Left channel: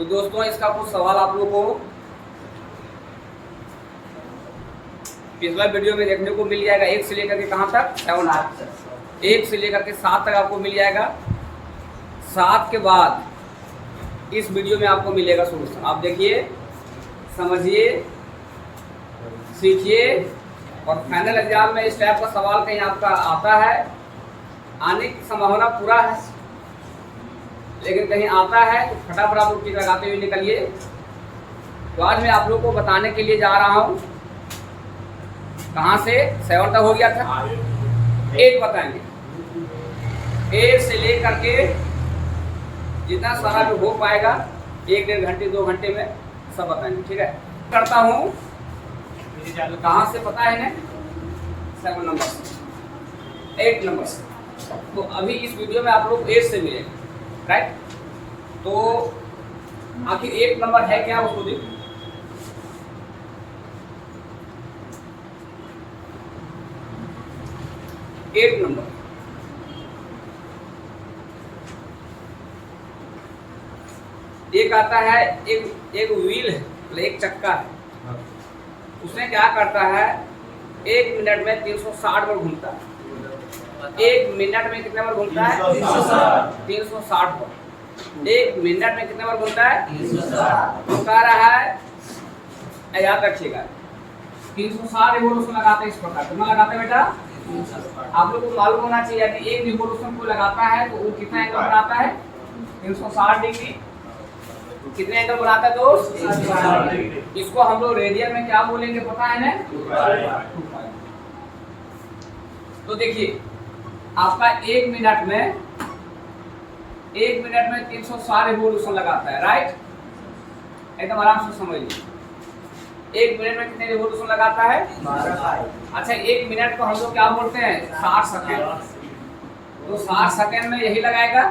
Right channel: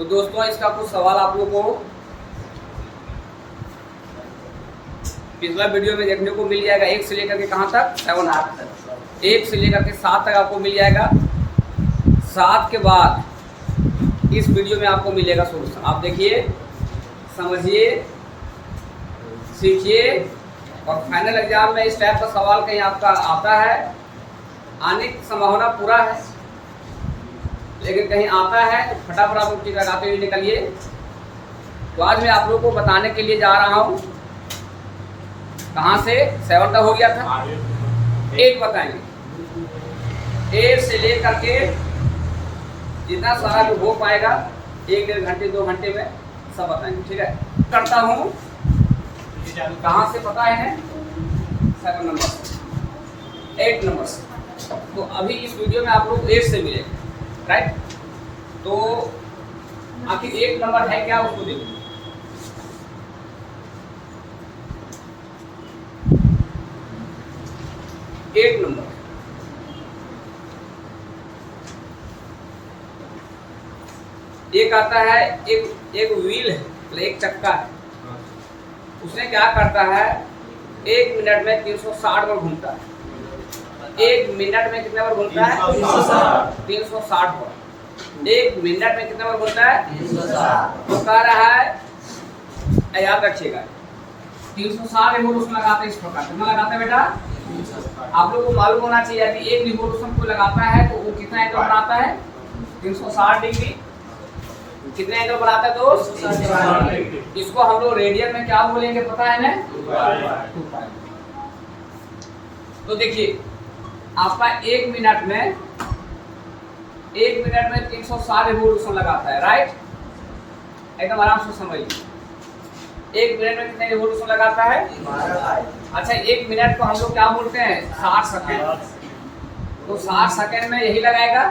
तो दोस्तों इसका कुछ सवाल आप लोगों को पिछला वीडियो में देखने को मिल जाएगा। 1 से लेकर के कहाँ तक 7 तक, 1 से लेकर के 7 तक आपको मिल जाएगा। 7 के बाद इस वीडियो में आपको मिलेगा सोल्यूशन। आप देखिए, समझिए, सीखिए और फाइनल एग्जाम में इस टाइप का सवाल कहीं आपका आता है, आने की संभावना पूरा है, लेकिन कहीं आता है तो फटाफट आप लोग टिक लगाते हुए निकलिए। तो आज मैं आप लोगों को बताने के लिए जा रहा हूँ, कहाँ से 7 तक हो गया था, 8 बताएंगे। 8 से लेकर के जितना सारा जो हो पाएगा 1-1.5 घंटे 2 घंटे में सब बताएंगे। ठीक है, करता हूँ। कहाँ से पता है ना, 7 नंबर से, 8 नंबर से। तो अभी इस वीडियो में आप लोग 8 से मिलेगा, राइट। तो आखिर 8 नंबर है क्या, उसको देखो। एट नंबर एक आता है, एक व्हील है, मतलब एक चक्का है। उसने क्या करता है, 1 मिनट में 360 बार घूमता है। 1 मिनट में कितने बार घूमता है, 360 बार। 1 मिनट में कितने बार घूमता है, 360। तो कह रहा है, याद रखिएगा, 360 रिवोल्यूशन लगाते हैं इस प्रकार। कितना लगाते हैं बेटा, आप लोग को मालूम होना चाहिए। यदि एक रिवोल्यूशन को लगाता है तो वो कितना एंगल बनाता है, 360 डिग्री। कितने एंगल बनाता है दोस्त, इसको हम लोग रेडियन में क्या बोलेंगे पता है ना, 2 पाई। तो देखिए, आपका 1 मिनट में 360 रिवोल्यूशन लगाता है, राइट। एकदम आराम से समझिए, 1 मिनट में कितने रिवोल्यूशन लगाता है, 12। अच्छा, 1 मिनट को हम लोग क्या बोलते हैं, 60 सेकेंड। तो 60 सेकेंड में यही लगाएगा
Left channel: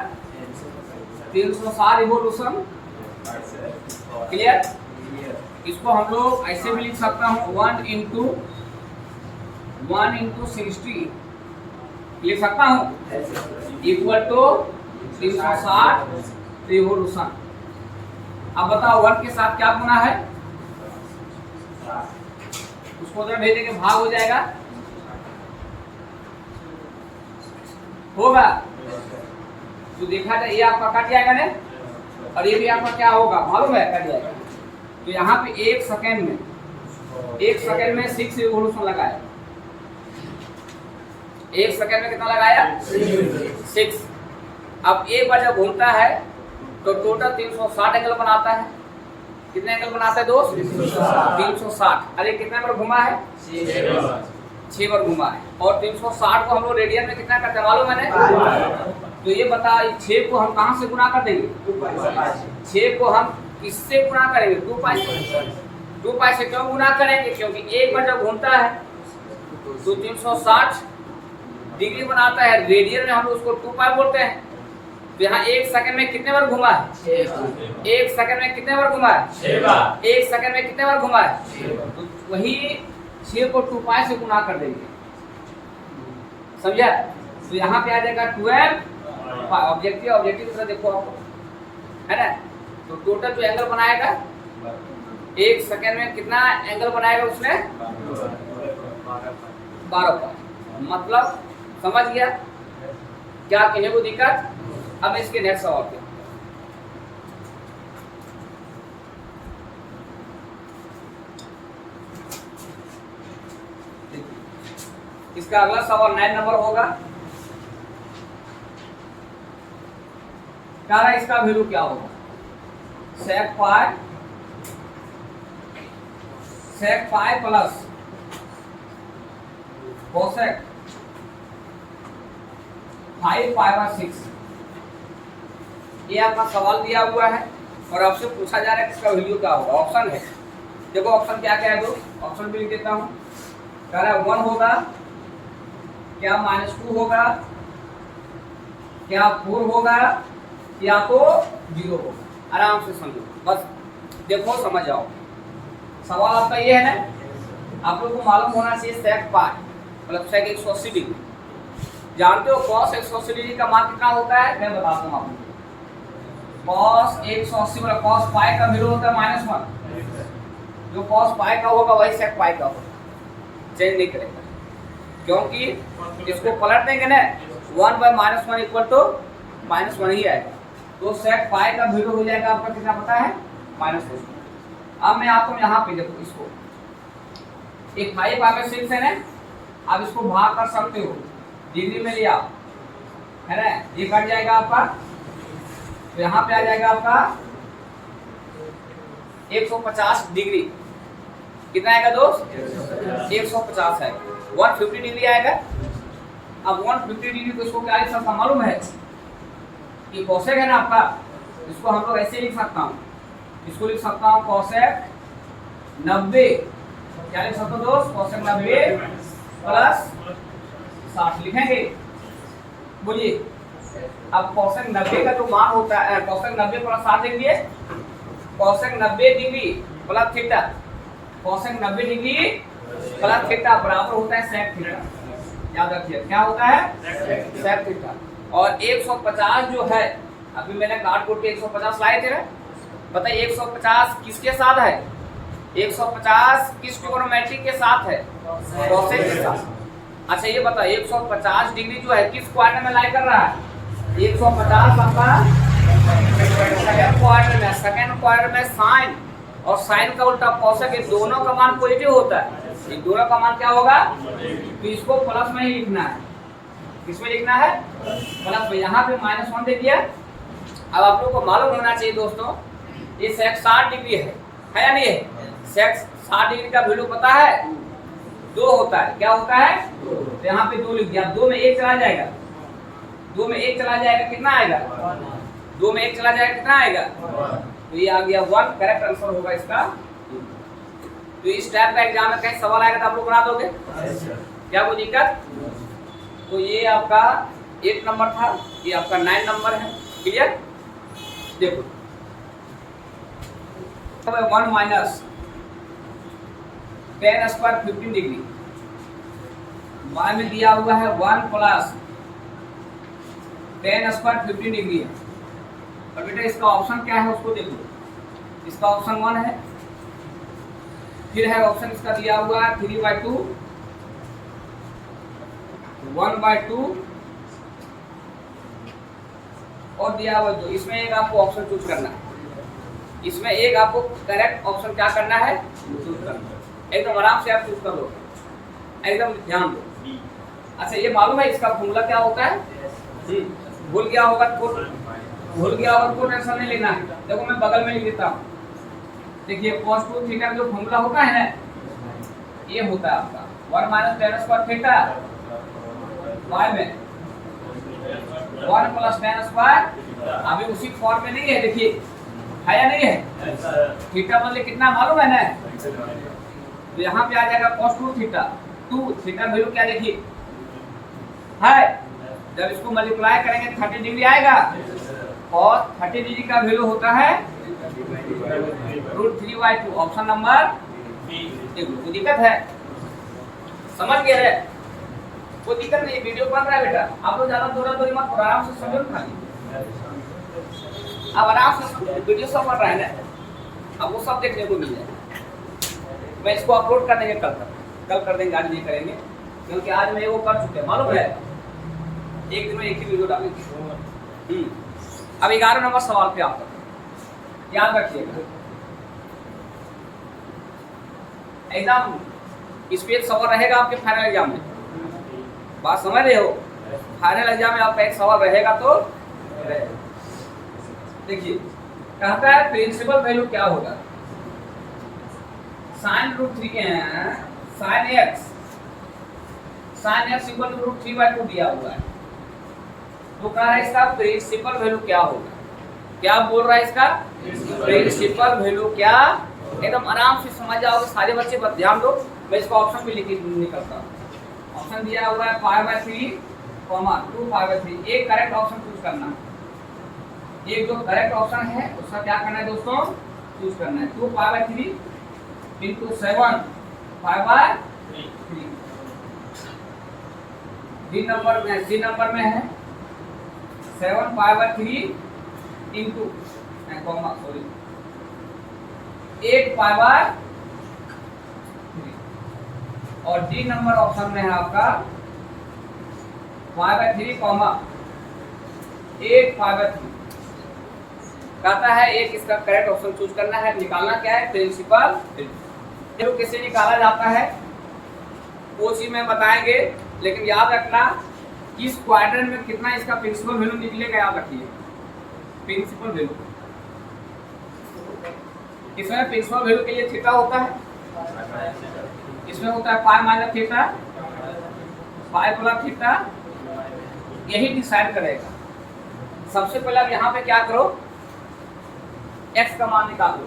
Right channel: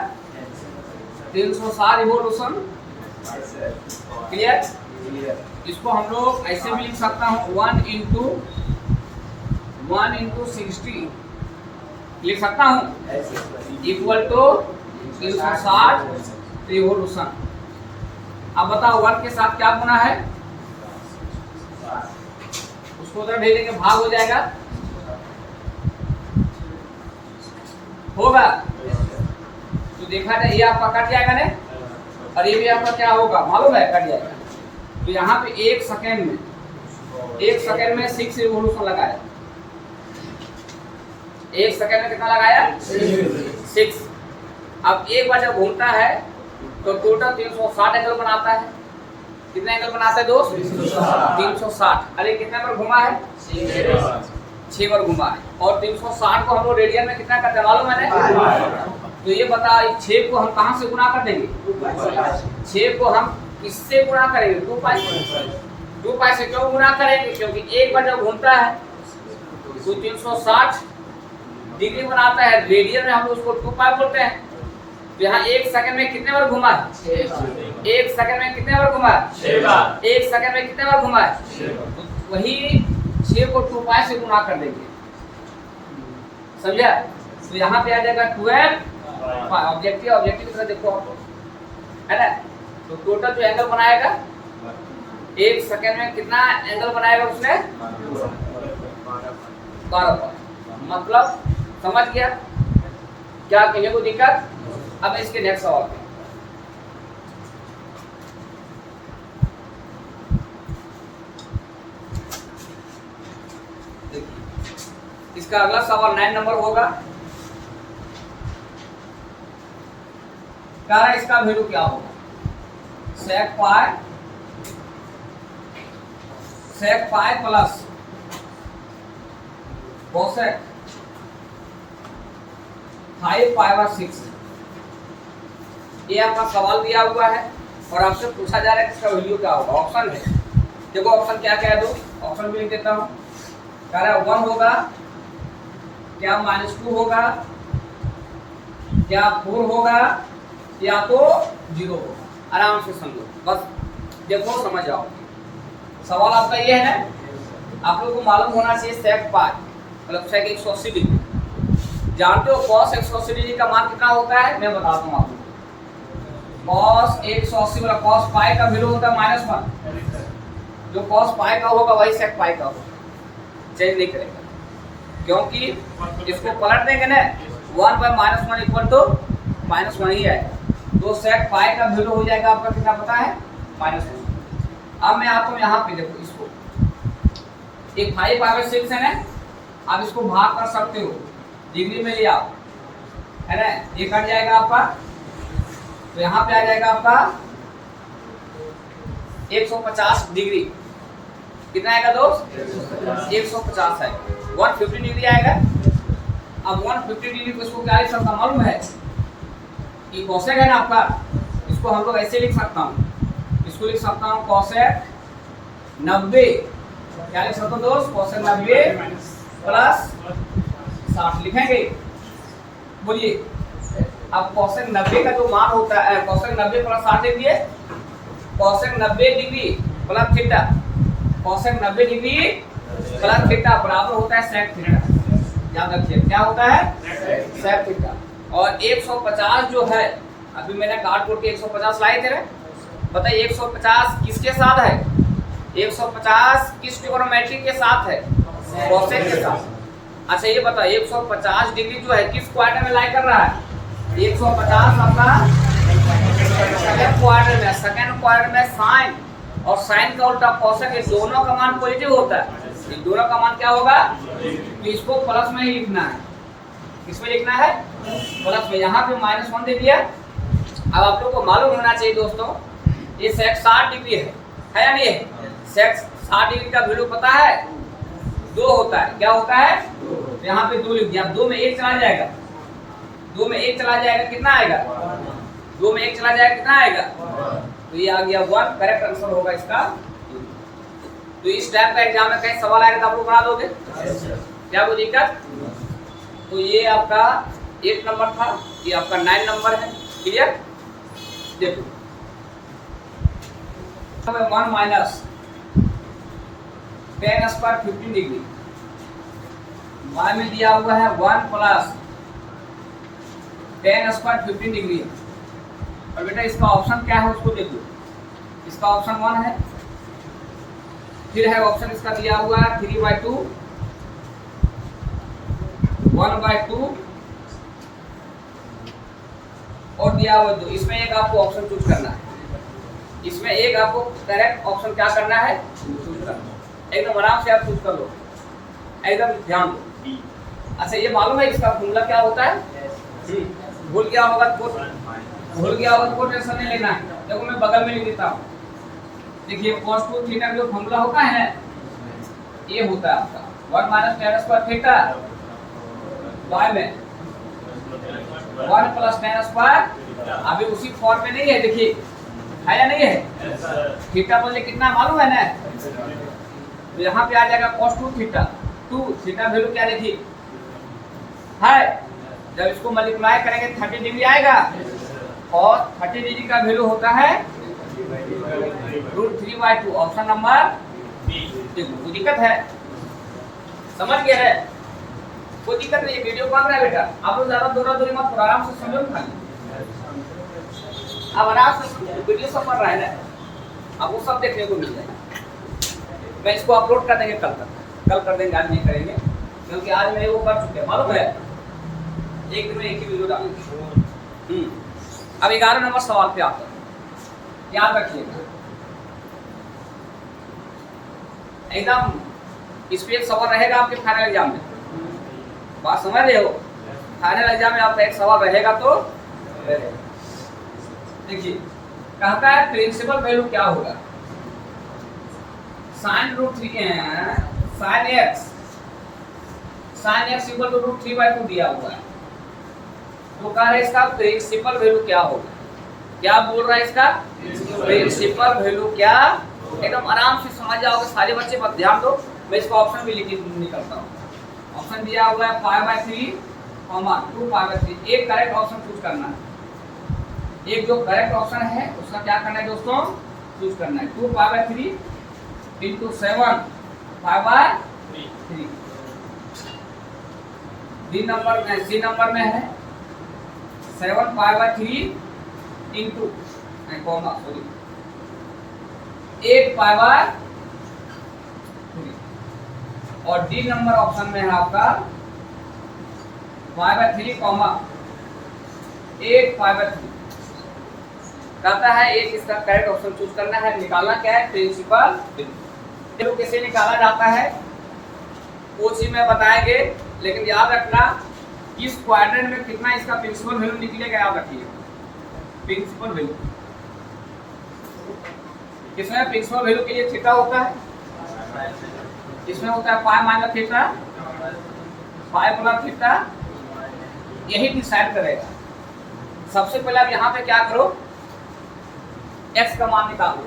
360 रिवोल्यूशन। क्लियर। इसको हम लोग ऐसे भी लिख सकता हूँ, 1 इंटू 60 लिख सकता हूँ, इक्वल टू 360 रिवोल्यूशन। अब बताओ 1 के साथ क्या गुना है, उसको उधर भेजेंगे, भाग हो जाएगा, होगा। तो देखा जाए, ये आपका कट जाएगा ना, और ये भी आपका क्या होगा मालूम है, कट जाएगा। तो यहाँ पे 1 सेकेंड में 6 रिवोल्यूशन लगाया। 1 सेकेंड में कितना लगाया, 6। अब एक बार जब घूमता है तो टोटल 360 एंगल बनाता है। कितने एंगल बनाता है दोस्त, 360। अरे कितने बार घुमा है, 6 बार घुमा है। और 360 को हम लोग रेडियन में कितना करते हैं मालूम है ना। तो ये बता, 6 को हम कहाँ से गुना कर देंगे, 6 को हम किससे गुना करेंगे, 2 पाई से। 2 पाई से क्यों गुना करेंगे, क्योंकि एक बार जब घूमता है तो 360 डिग्री बनाता है। रेडियन में हम उसको 2 पाई बोलते हैं। तो यहाँ 1 सेकंड में कितने बार घुमा है, 1 सेकंड में कितने बार घुमा है, 6 बार। 1 सेकंड में कितने बार घुमा है, तो वही 6 को 2 पाई से गुना कर देंगे, समझा। तो यहाँ पे आ जाएगा 12 पाई। ऑब्जेक्टिव की तरह देखो आप, है ना। तो टोटल जो एंगल बनाएगा 1 सेकंड में कितना एंगल बनाएगा उसने, 12 पाई। मतलब समझ गया क्या, कहीं को दिक्कत। अब इसके नेक्स्ट सवाल पे, इसका अगला सवाल 9 नंबर होगा। कह रहा है इसका वैल्यू क्या होगा, sec पाई प्लस cosec 5π/6। ये आपका सवाल दिया हुआ है और आपसे पूछा जा रहा है इसका वैल्यू क्या होगा। ऑप्शन है, देखो ऑप्शन क्या क्या है दोस्त, ऑप्शन भी लिख देता हूँ। कह रहा है 1 होगा क्या, -2 होगा क्या, 4 होगा या तो 0 होगा। आराम से समझो, बस देखो समझ जाओ। सवाल आपका ये है ना, आप लोग को मालूम होना चाहिए sec पाई मतलब sec 180 डिग्री। जानते हो cos 180 डिग्री का मान कितना होता है, मैं बताता हूँ आपको। cos 180 वाला cos पाई का वैल्यू होता है -1, जो cos पाई का होगा वही sec पाई का होगा, चेंज नहीं करेगा, क्योंकि इसको पलट देंगे ना 1/-1 इक्वल टू -1 ही आएगा, तो sec पाई का वैल्यू हो जाएगा आपका कितना पता है -1। अब मैं आता हूँ यहाँ पे, देखो इसको एक 5/6 है ना, आप इसको भाग कर सकते हो, डिग्री में लिया है ना, ये कट जाएगा आपका, तो यहाँ पे आ जाएगा आपका 150 डिग्री, कितना आएगा दोस्त 150 है, 150 डिग्री आएगा। अब 150 डिग्री को इसको क्या लिख सकता मालूम है, ये कोसेक है ना आपका, इसको हम लोग ऐसे लिख सकता हूँ, इसको लिख सकता हूँ कोसेक 90, क्या लिख सकता हूँ दोस्त कोसेक 90 प्लस 60 लिखेंगे, बोलिए। अब कोसेक 90 का जो मान होता है, कोसेक 90 प्लस 60 देखिए, cosec 90 degree plus theta, cosec 90 degree plus theta बराबर होता है सेक थीटा, याद रखिए क्या होता है सेक थीटा। और 150 जो है, अभी मैंने काट कोट के 150 लाए थे ना, बताइए 150 किसके साथ है, 150 किस ट्रिग्नोमेट्री के साथ है, कोसेक के साथ। अच्छा ये बताओ 150 डिग्री जो है किस क्वाड्रेंट में लाई कर रहा है, 150 आपका सेकंड क्वाड्रेंट में, सेकंड क्वाड्रेंट में साइन और साइन का उल्टा कोसेक, ये दोनों का मान पॉजिटिव होता है, ये दोनों का मान क्या होगा, तो इसको प्लस में ही लिखना है, किसमें लिखना है प्लस में, यहाँ पे -1 दे दिया। अब आप लोग को मालूम होना चाहिए दोस्तों, ये सेक 60 डिग्री है या नहीं है, सेक 60 डिग्री का वैल्यू पता है 2 होता है, क्या होता है, तो यहाँ पे 2 लिख दिया, 2 में 1 चला जाएगा, 2 में 1 चला जाएगा कितना आएगा, 2 में 1 चला जाएगा कितना आएगा, तो ये आ गया 1, करेक्ट आंसर होगा इसका। तो इस टाइप का एग्जाम में कहीं सवाल आएगा तो आप लोग बना दोगे, क्या बोलिएगा। तो ये आपका 8 नंबर था, ये आपका 9 नंबर है, क्लियर। देखो 1 minus tan square 15 degree, y में दिया हुआ है 1 प्लस tan स्क्वायर 15 डिग्री है, और बेटा इसका ऑप्शन क्या है उसको देखो, इसका ऑप्शन 1 है, फिर है ऑप्शन इसका दिया हुआ है 3/2, 1/2 और दिया हुआ 2, इसमें एक आपको ऑप्शन चूज करना है, इसमें एक आपको करेक्ट ऑप्शन क्या करना है चूज करना है, एकदम आराम से आप चूज कर लो, एकदम ध्यान दो। अच्छा ये मालूम है इसका फॉर्मूला क्या होता है, भूल गया होगा तो टेंशन नहीं लेना है, देखो मैं बगल में लिख देता हूँ, देखिए cos 2 थीटा का जो फॉर्मूला होता है ना, ये होता है आपका 1 minus tan square theta, y में 1 प्लस tan स्क्वायर, अभी उसी फॉर्म में नहीं है, देखिए है या नहीं है, थीटा बदले कितना मालूम है ना, तो यहाँ पे आ जाएगा cos 2 थीटा, 2 थीटा वैल्यू क्या देखिए है, जब इसको मल्टीप्लाई करेंगे 30 डिग्री आएगा, और 30 डिग्री का वैल्यू होता है √3/2, ऑप्शन नंबर बी। कोई दिक्कत है, समझ गए है, कोई दिक्कत नहीं, वीडियो बन रहा है बेटा, आप लोग ज्यादा दौरा दौरी मत करो, आराम से समझो खाली, अब आराम से वीडियो सब बन रहा है ना, अब वो सब देखने को मिल जाएगा। मैं इसको अपलोड कर देंगे कल कर देंगे, आज नहीं करेंगे, क्योंकि आज मैं वो कर चुके हैं मालूम है, एक दिन में एक ही वीडियो डालेंगे। अब 11 नंबर सवाल पे आता है, याद रखिएगा एकदम इस पे एक सवाल रहेगा आपके फाइनल एग्जाम में, बात समझ रहे हो, फाइनल एग्जाम में आपका एक सवाल रहेगा तो रहेगा। देखिए कहता है प्रिंसिपल वैल्यू क्या होगा, sin x इक्वल टू √3/2 दिया हुआ है, तो कह रहा है इसका प्रिंसिपल वैल्यू क्या होगा, क्या बोल रहा है इसका प्रिंसिपल वैल्यू क्या, एकदम आराम से समझ जाओगे सारे बच्चे, बस ध्यान दो, मैं इसका ऑप्शन भी लिख निकलता हूँ। ऑप्शन दिया हुआ है 5/3, 2/3, एक करेक्ट ऑप्शन चूज करना है, एक जो करेक्ट ऑप्शन है उसका क्या करना है दोस्तों चूज करना है, 2/3 × 7 5/3, सी नंबर में है 7 5/3 × कॉमा सॉरी 8 पाई बाय 3 और डी नंबर ऑप्शन में है आपका pi by 3 comma 8 pi by 3 कहता है एक इसका करेक्ट ऑप्शन चूज करना है। निकालना क्या है प्रिंसिपल वैल्यू कैसे निकाला जाता है वो चीज में बताएंगे, लेकिन याद रखना इस क्वाड्रेंट में कितना इसका प्रिंसिपल वैल्यू निकलेगा याद रखिए। प्रिंसिपल वैल्यू इसमें प्रिंसिपल वैल्यू के लिए थीटा होता है, इसमें होता है pi minus theta pi plus theta, यही डिसाइड करेगा। सबसे पहले आप यहाँ पे क्या करो x का मान निकालो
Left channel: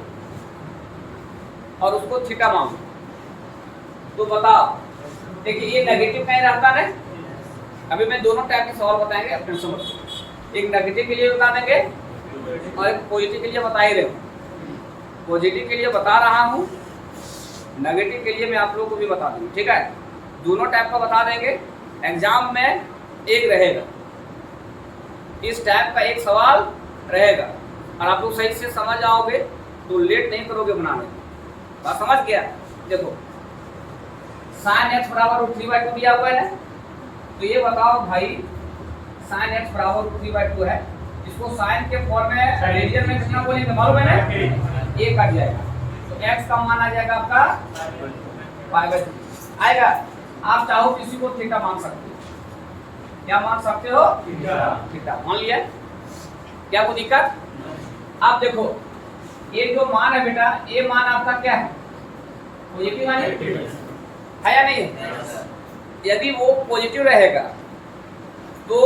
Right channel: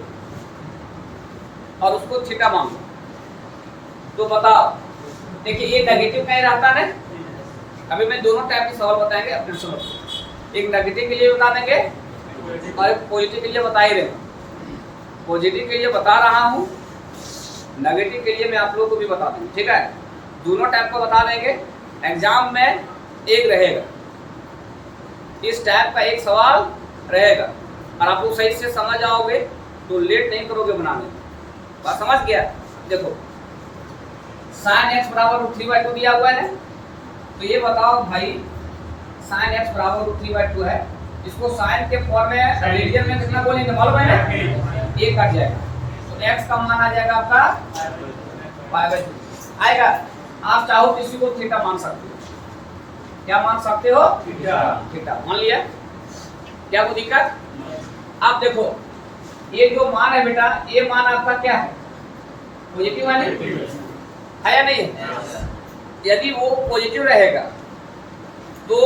और उसको थीटा मान लो। तो बताओ देखिए ये नेगेटिव कहीं रहता है। अभी मैं दोनों टाइप के सवाल बताएंगे, आप टेंशन मत लो। एक नेगेटिव के लिए बता देंगे और एक पॉजिटिव के लिए बता ही रहे हो। पॉजिटिव के लिए बता रहा हूँ, नेगेटिव के लिए मैं आप लोगों को भी बता देंगे, ठीक है। दोनों टाइप का बता देंगे। एग्जाम में एक रहेगा, इस टाइप का एक सवाल रहेगा और आप लोग सही से समझ आओगे तो लेट नहीं करोगे बनाने में। बात समझ गया। देखो sin x बराबर √3/2 दिया हुआ है ना, तो ये बताओ भाई sin x बराबर √3/2 है, इसको sin के फॉर्म में रेडियन में कितना बोलेंगे मालूम है ना, 1 कट जाएगा तो x का मान आ जाएगा आपका π/2 आएगा। आप चाहो किसी को थीटा मान सकते हो, क्या मान सकते हो थीटा मान लिया, क्या कोई दिक्कत। अब देखो ये जो मान है बेटा, ये मान आपका क्या है पॉजिटिव है या नहीं है। यदि वो पॉजिटिव रहेगा तो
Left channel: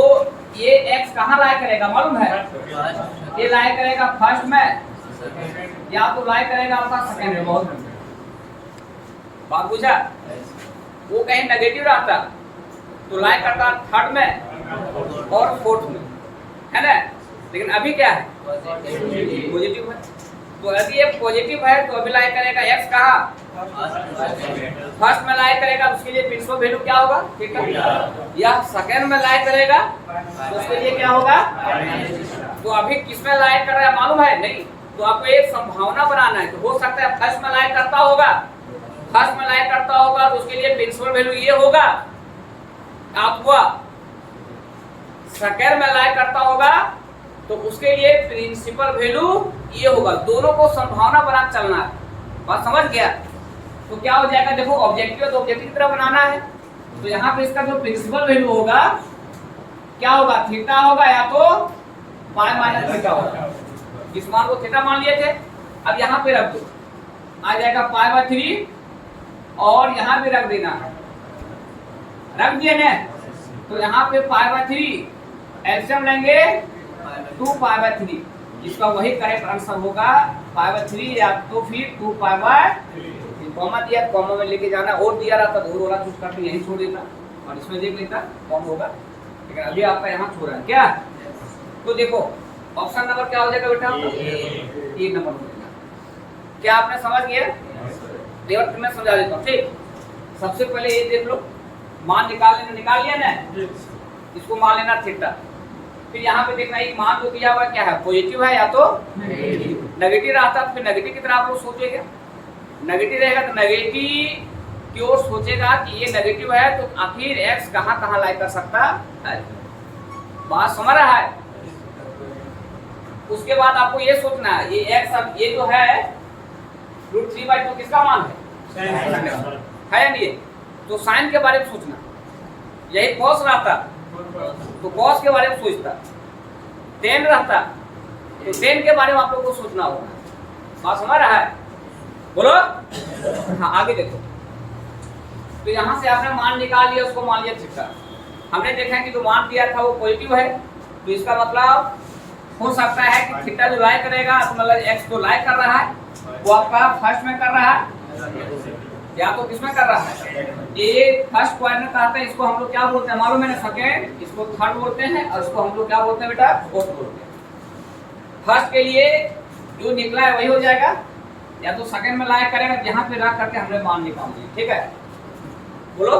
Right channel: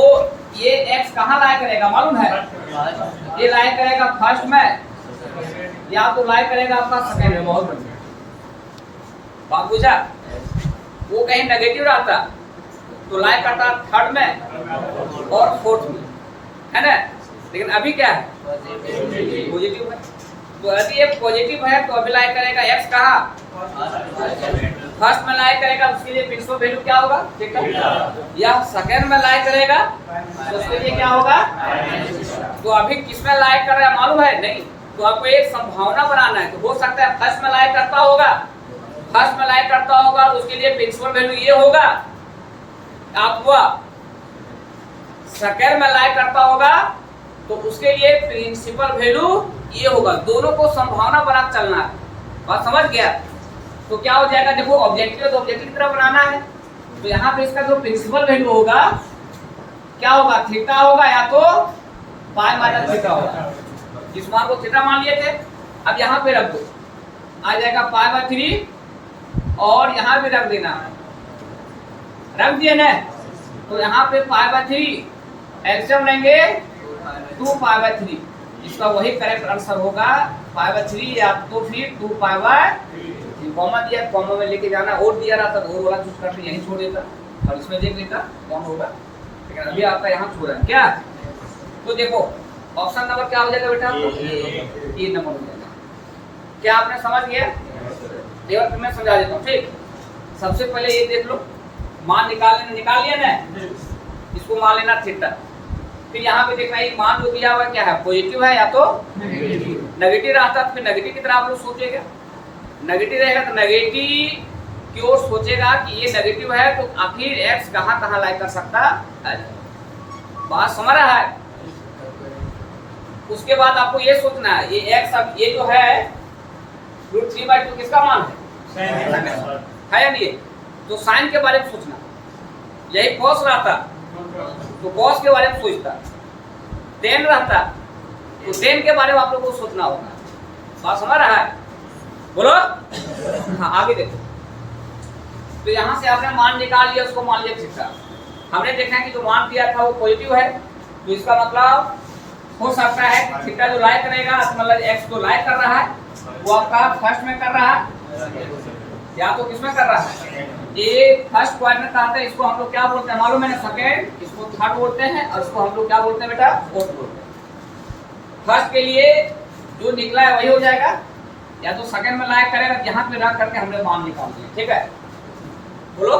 ये x कहाँ लाई करेगा मालूम है, ये लाई करेगा फर्स्ट में या तो लाई करेगा आपका सेकंड में। बहुत बढ़िया बात पूछा। वो कहीं नेगेटिव रहता तो लाई करता थर्ड में और फोर्थ में, है ना। लेकिन अभी क्या है पॉजिटिव है, तो यदि ये पॉजिटिव है तो अभी लाई करेगा x कहाँ फर्स्ट में लाई करेगा, उसके लिए प्रिंसिपल वैल्यू क्या होगा ठीक है। या सेकंड में लाई करेगा तो उसके लिए क्या होगा। तो अभी किस में लाई कर रहा है मालूम है नहीं, तो आपको एक संभावना बनाना है। तो हो सकता है फर्स्ट में लाई करता होगा, फर्स्ट में लाई करता होगा तो उसके लिए प्रिंसिपल वैल्यू ये होगा आप हुआ। सेकंड में लाई करता होगा तो उसके लिए प्रिंसिपल वैल्यू ये होगा। दोनों को संभावना बना चलना है, बात समझ गया। तो क्या हो जाएगा देखो ऑब्जेक्टिव तो ऑब्जेक्टिव की तरह बनाना है, तो यहाँ पे इसका जो प्रिंसिपल वैल्यू होगा क्या होगा थीटा होगा या तो पाई माइनस थीटा होगा। इस मान को थीटा मान लिए थे, अब यहाँ पे रख दो आ जाएगा π/3 और यहाँ भी रख देना, रख दिए ना। तो यहाँ पे π/3 एलसीएम लेंगे 2π/3, इसका वही करेक्ट आंसर होगा π/3 या तो फिर 2π/3। कॉमा दिया, कॉमा में लेके जाना, और दिया रहता तो और वाला चूज करके यहीं छोड़ देता और इसमें देख लेता कौन होगा, लेकिन अभी आपका यहाँ छोड़ रहा है क्या। तो देखो ऑप्शन नंबर क्या हो जाएगा बेटा, ए नंबर हो जाएगा। क्या आपने समझ गया, लेवल मैं समझा देता हूँ ठीक। सबसे पहले ये देख लो मान निकाल लिया ना, इसको मान लेना थीटा। फिर यहाँ पे देखना एक मान जो दिया हुआ क्या है पॉजिटिव है या तो नेगेटिव रहता तो फिर नेगेटिव की तरह आप लोग सोचेगा। नेगेटिव रहेगा तो नेगेटिव की ओर सोचेगा कि ये नेगेटिव है तो आखिर x कहाँ कहाँ लाई कर सकता है, बात समझ रहा है। उसके बाद आपको ये सोचना है ये x अब ये जो है √3/2 किसका मान है या नहीं, तो साइन के बारे में सोचना। यही कॉस रहता तो कॉस के बारे में सोचता, टेन रहता तो टेन के बारे में आप लोग को सोचना होगा, बात समझ रहा है बोलो। हाँ आगे देखो, तो यहाँ से आपने मान निकाल लिया, उसको मान लिया थीटा। हमने देखा कि जो मान दिया था वो पॉजिटिव है, तो इसका मतलब हो सकता है कि थीटा जो लाई करेगा मतलब x को लाई कर रहा है वो आपका फर्स्ट में कर रहा है या तो किसमें कर रहा है। ये फर्स्ट क्वाड्रेंट कहते हैं, इसको हम लोग क्या बोलते हैं मालूम है ना, सेकंड, इसको थर्ड बोलते हैं और इसको हम लोग क्या बोलते हैं बेटा फोर्थ बोलते हैं। फर्स्ट के लिए जो निकला है वही हो जाएगा, या तो सेकंड में लाया करेगा, यहाँ पे रख करके हमने मान निकाल दिया ठीक है। बोलो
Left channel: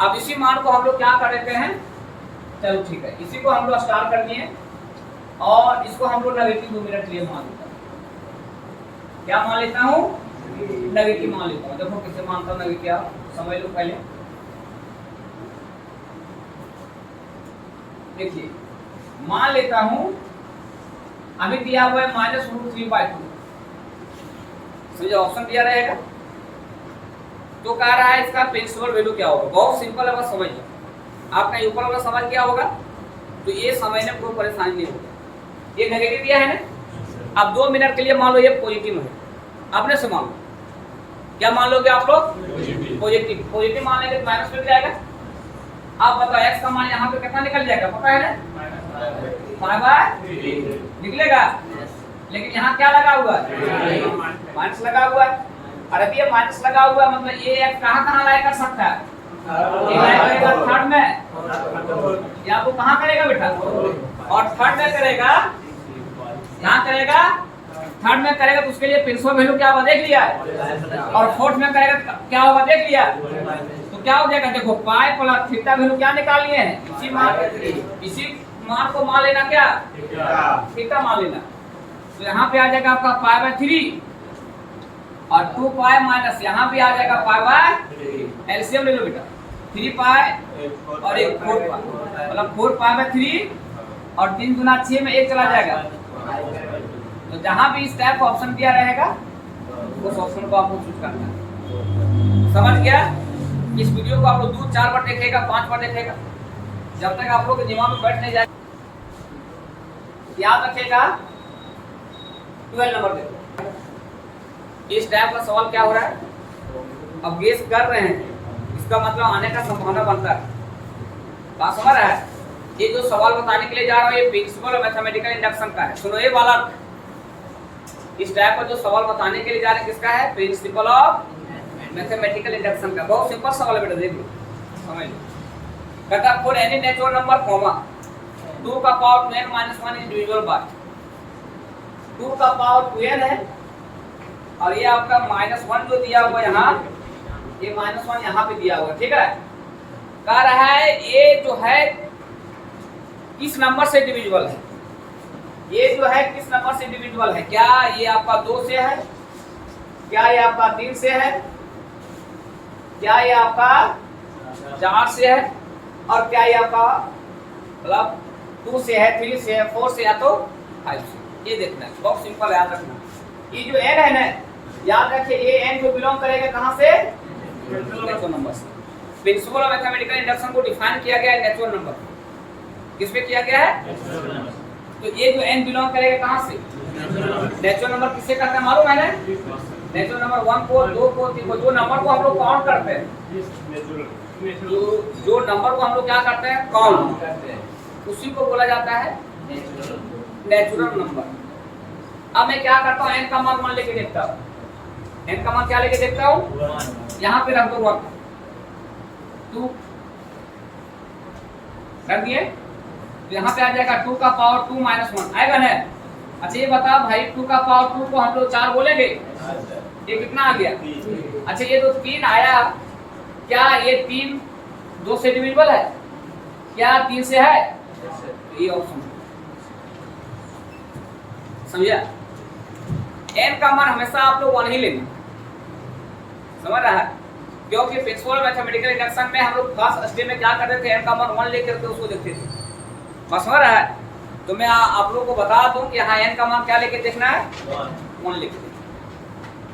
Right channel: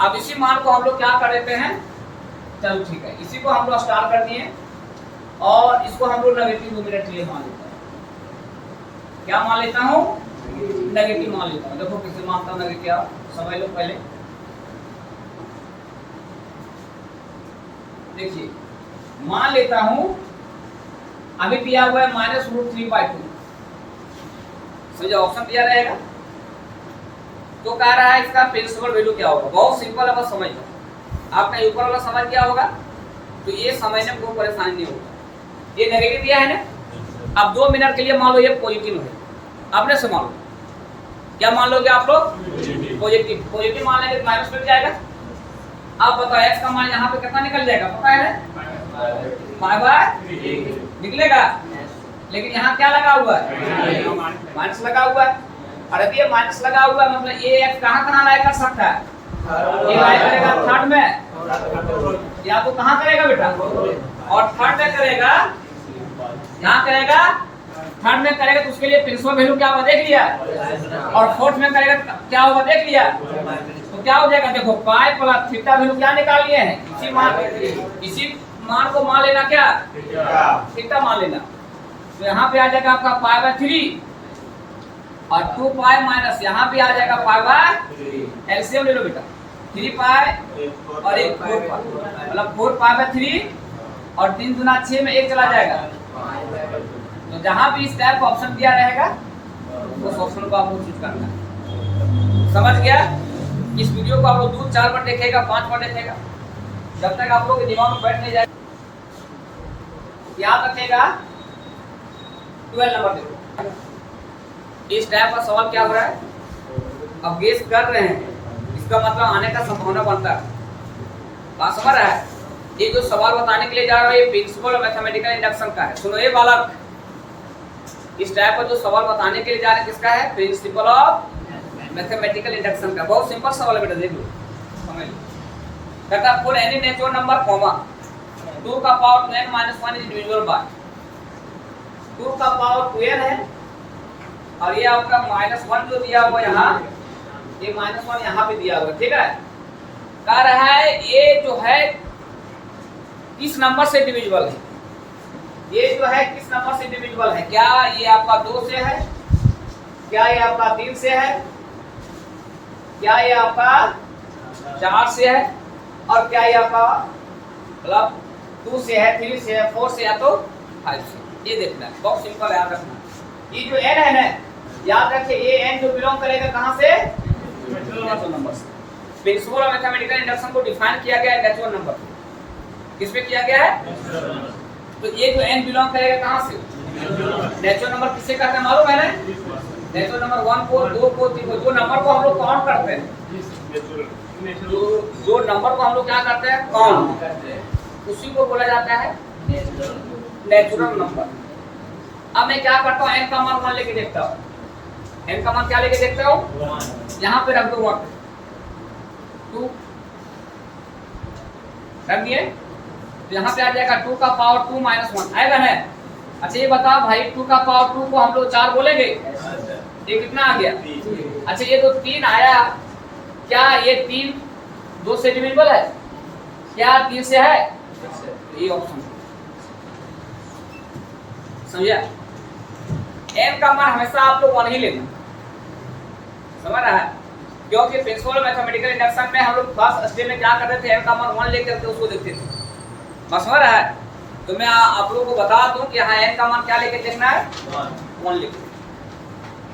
अब इसी मान को हम लोग क्या कर देते हैं, चलो ठीक है, इसी को हम लोग स्टार कर दिए। और इसको हम लोग नेगेटिव 2 मिनट के लिए मान लेता हूँ। क्या मान लेता हूँ? नेगेटिव मान लेता हूँ। देखो किसे मानता हूँ नेगेटिव, आप समझ लो पहले। देखिए मान लेता हूँ अभी दिया हुआ है -√3/2। समझो ऑप्शन दिया रहेगा तो कह रहा है इसका प्रिंसिपल वैल्यू क्या होगा। बहुत सिंपल है, बस समझ लो। आपका ऊपर वाला समझ क्या होगा तो ये समझने में कोई परेशानी नहीं होगा। ये नेगेटिव दिया है ना, अब 2 मिनट के लिए मान लो ये पॉजिटिव है, आपने से मान लो। क्या मान लोगे आप लोग? पॉजिटिव। पॉजिटिव मान लेंगे तो माइनस मिल जाएगा। आप बताओ x का मान यहाँ पे कितना निकल जाएगा, पता है ना? 5/3 निकलेगा। लेकिन यहाँ क्या लगा हुआ है? माइनस लगा हुआ है। और अभी ये माइनस लगा हुआ है मतलब ये x कहाँ लाया कर सकता है? ये लाया करेगा थर्ड में, या तो कहाँ करेगा बेटा? और थर्ड में करेगा, यहाँ करेगा थर्ड में करेगा तो उसके लिए प्रिंसिपल वैल्यू क्या होगा देख लिया। और फोर्थ में करेगा क्या होगा देख लिया। तो क्या हो जाएगा? देखो पाई प्लस थीटा वैल्यू क्या निकाल लिए हैं? इसी मान को मान लेना, क्या थीटा मान लेना। तो यहाँ पे आ जाएगा आपका π/3 और 2π माइनस यहाँ पे आ जाएगा π/3। एलसीएम ले लो बेटा, 3π और 1 4π मतलब 4π/3 और 3 दूना 6 में 1 चला जाएगा। तो जहाँ भी इस टाइप का ऑप्शन दिया रहेगा उस ऑप्शन को आपको चूज करना है। समझ गया? इस वीडियो को आप लोग 2-4 बार देखेगा, 5 बार देखेगा, जब तक आप लोग के दिमाग में बैठ नहीं जाए। याद रखेगा 12 नंबर देखो। इस टाइप का सवाल क्या हो रहा है, अब गेस कर रहे हैं, इसका मतलब आने का संभावना बनता है। बात समझ रहा है? ये जो सवाल बताने के लिए जा रहा है ये प्रिंसिपल ऑफ मैथमेटिकल इंडक्शन का है। सुनो ये बालक, इस टाइप का जो सवाल बताने के लिए जा रहे हैं किसका है? प्रिंसिपल ऑफ मैथमेटिकल इंडक्शन का। बहुत सिंपल सवाल है बेटा, देख लो समझ लो। कहता for any natural number comma 2 का power 2n - 1 is divisible by 2 का पावर 2n है और ये आपका -1 जो दिया हुआ यहाँ, ये -1 यहाँ पे दिया हुआ, ठीक है। कह रहा है ये जो है किस नंबर से डिविजिबल है, ये जो है किस नंबर से डिविजिबल है। क्या ये आपका 2 से है, क्या ये आपका 3 से है, क्या ये आपका 4 से है, और क्या ये आपका मतलब 2 से है, 3 से है, 4 से या तो 5 से। ये देखना है, बहुत सिंपल याद रखना। ये जो n है ना, याद रखिए ये n जो बिलोंग करेगा कहाँ से? नेचुरल नंबर से। प्रिंसिपल ऑफ मैथमेटिकल इंडक्शन को डिफाइन किया गया है नेचुरल नंबर। किस पे किया गया है? तो ये जो n बिलोंग करेगा कहाँ से? नेचुरल नंबर किससे करते हैं मालूम है ना? नेचुरल नंबर 1 को, 2 को, 3 को, जो नंबर को हम लोग काउंट करते हैं, जो नंबर को हम लोग क्या करते हैं? काउंट, उसी को बोला जाता है नेचुरल नंबर। अब मैं क्या करता हूँ, n का मान लेके देखता हूँ। n का मान क्या लेके देखता हूँ? यहाँ पे रख दो 1 2 रख दिए, तो यहाँ पे आ जाएगा 2 का पावर 2 - 1 आएगा ना। अच्छा ये बताओ भाई 2 का पावर 2 को हम लोग 4 बोलेंगे, ये कितना आ गया? अच्छा ये तो 3 आया, क्या ये 3 2 से डिविजिबल है? क्या 3 से है? ये ऑप्शन समझा। n का मान हमेशा आप लोग 1 ही लेना, समझ रहा है? क्योंकि प्रिंसिपल मैथमेटिकल इंडक्शन में हम लोग फर्स्ट स्टेज में क्या करते थे, n का मान 1 लेकर के उसको देखते थे। बस समझ रहा है? तो मैं आप लोगों को बता दूं कि हाँ n का मान क्या लेके देखना है? 1 लेके।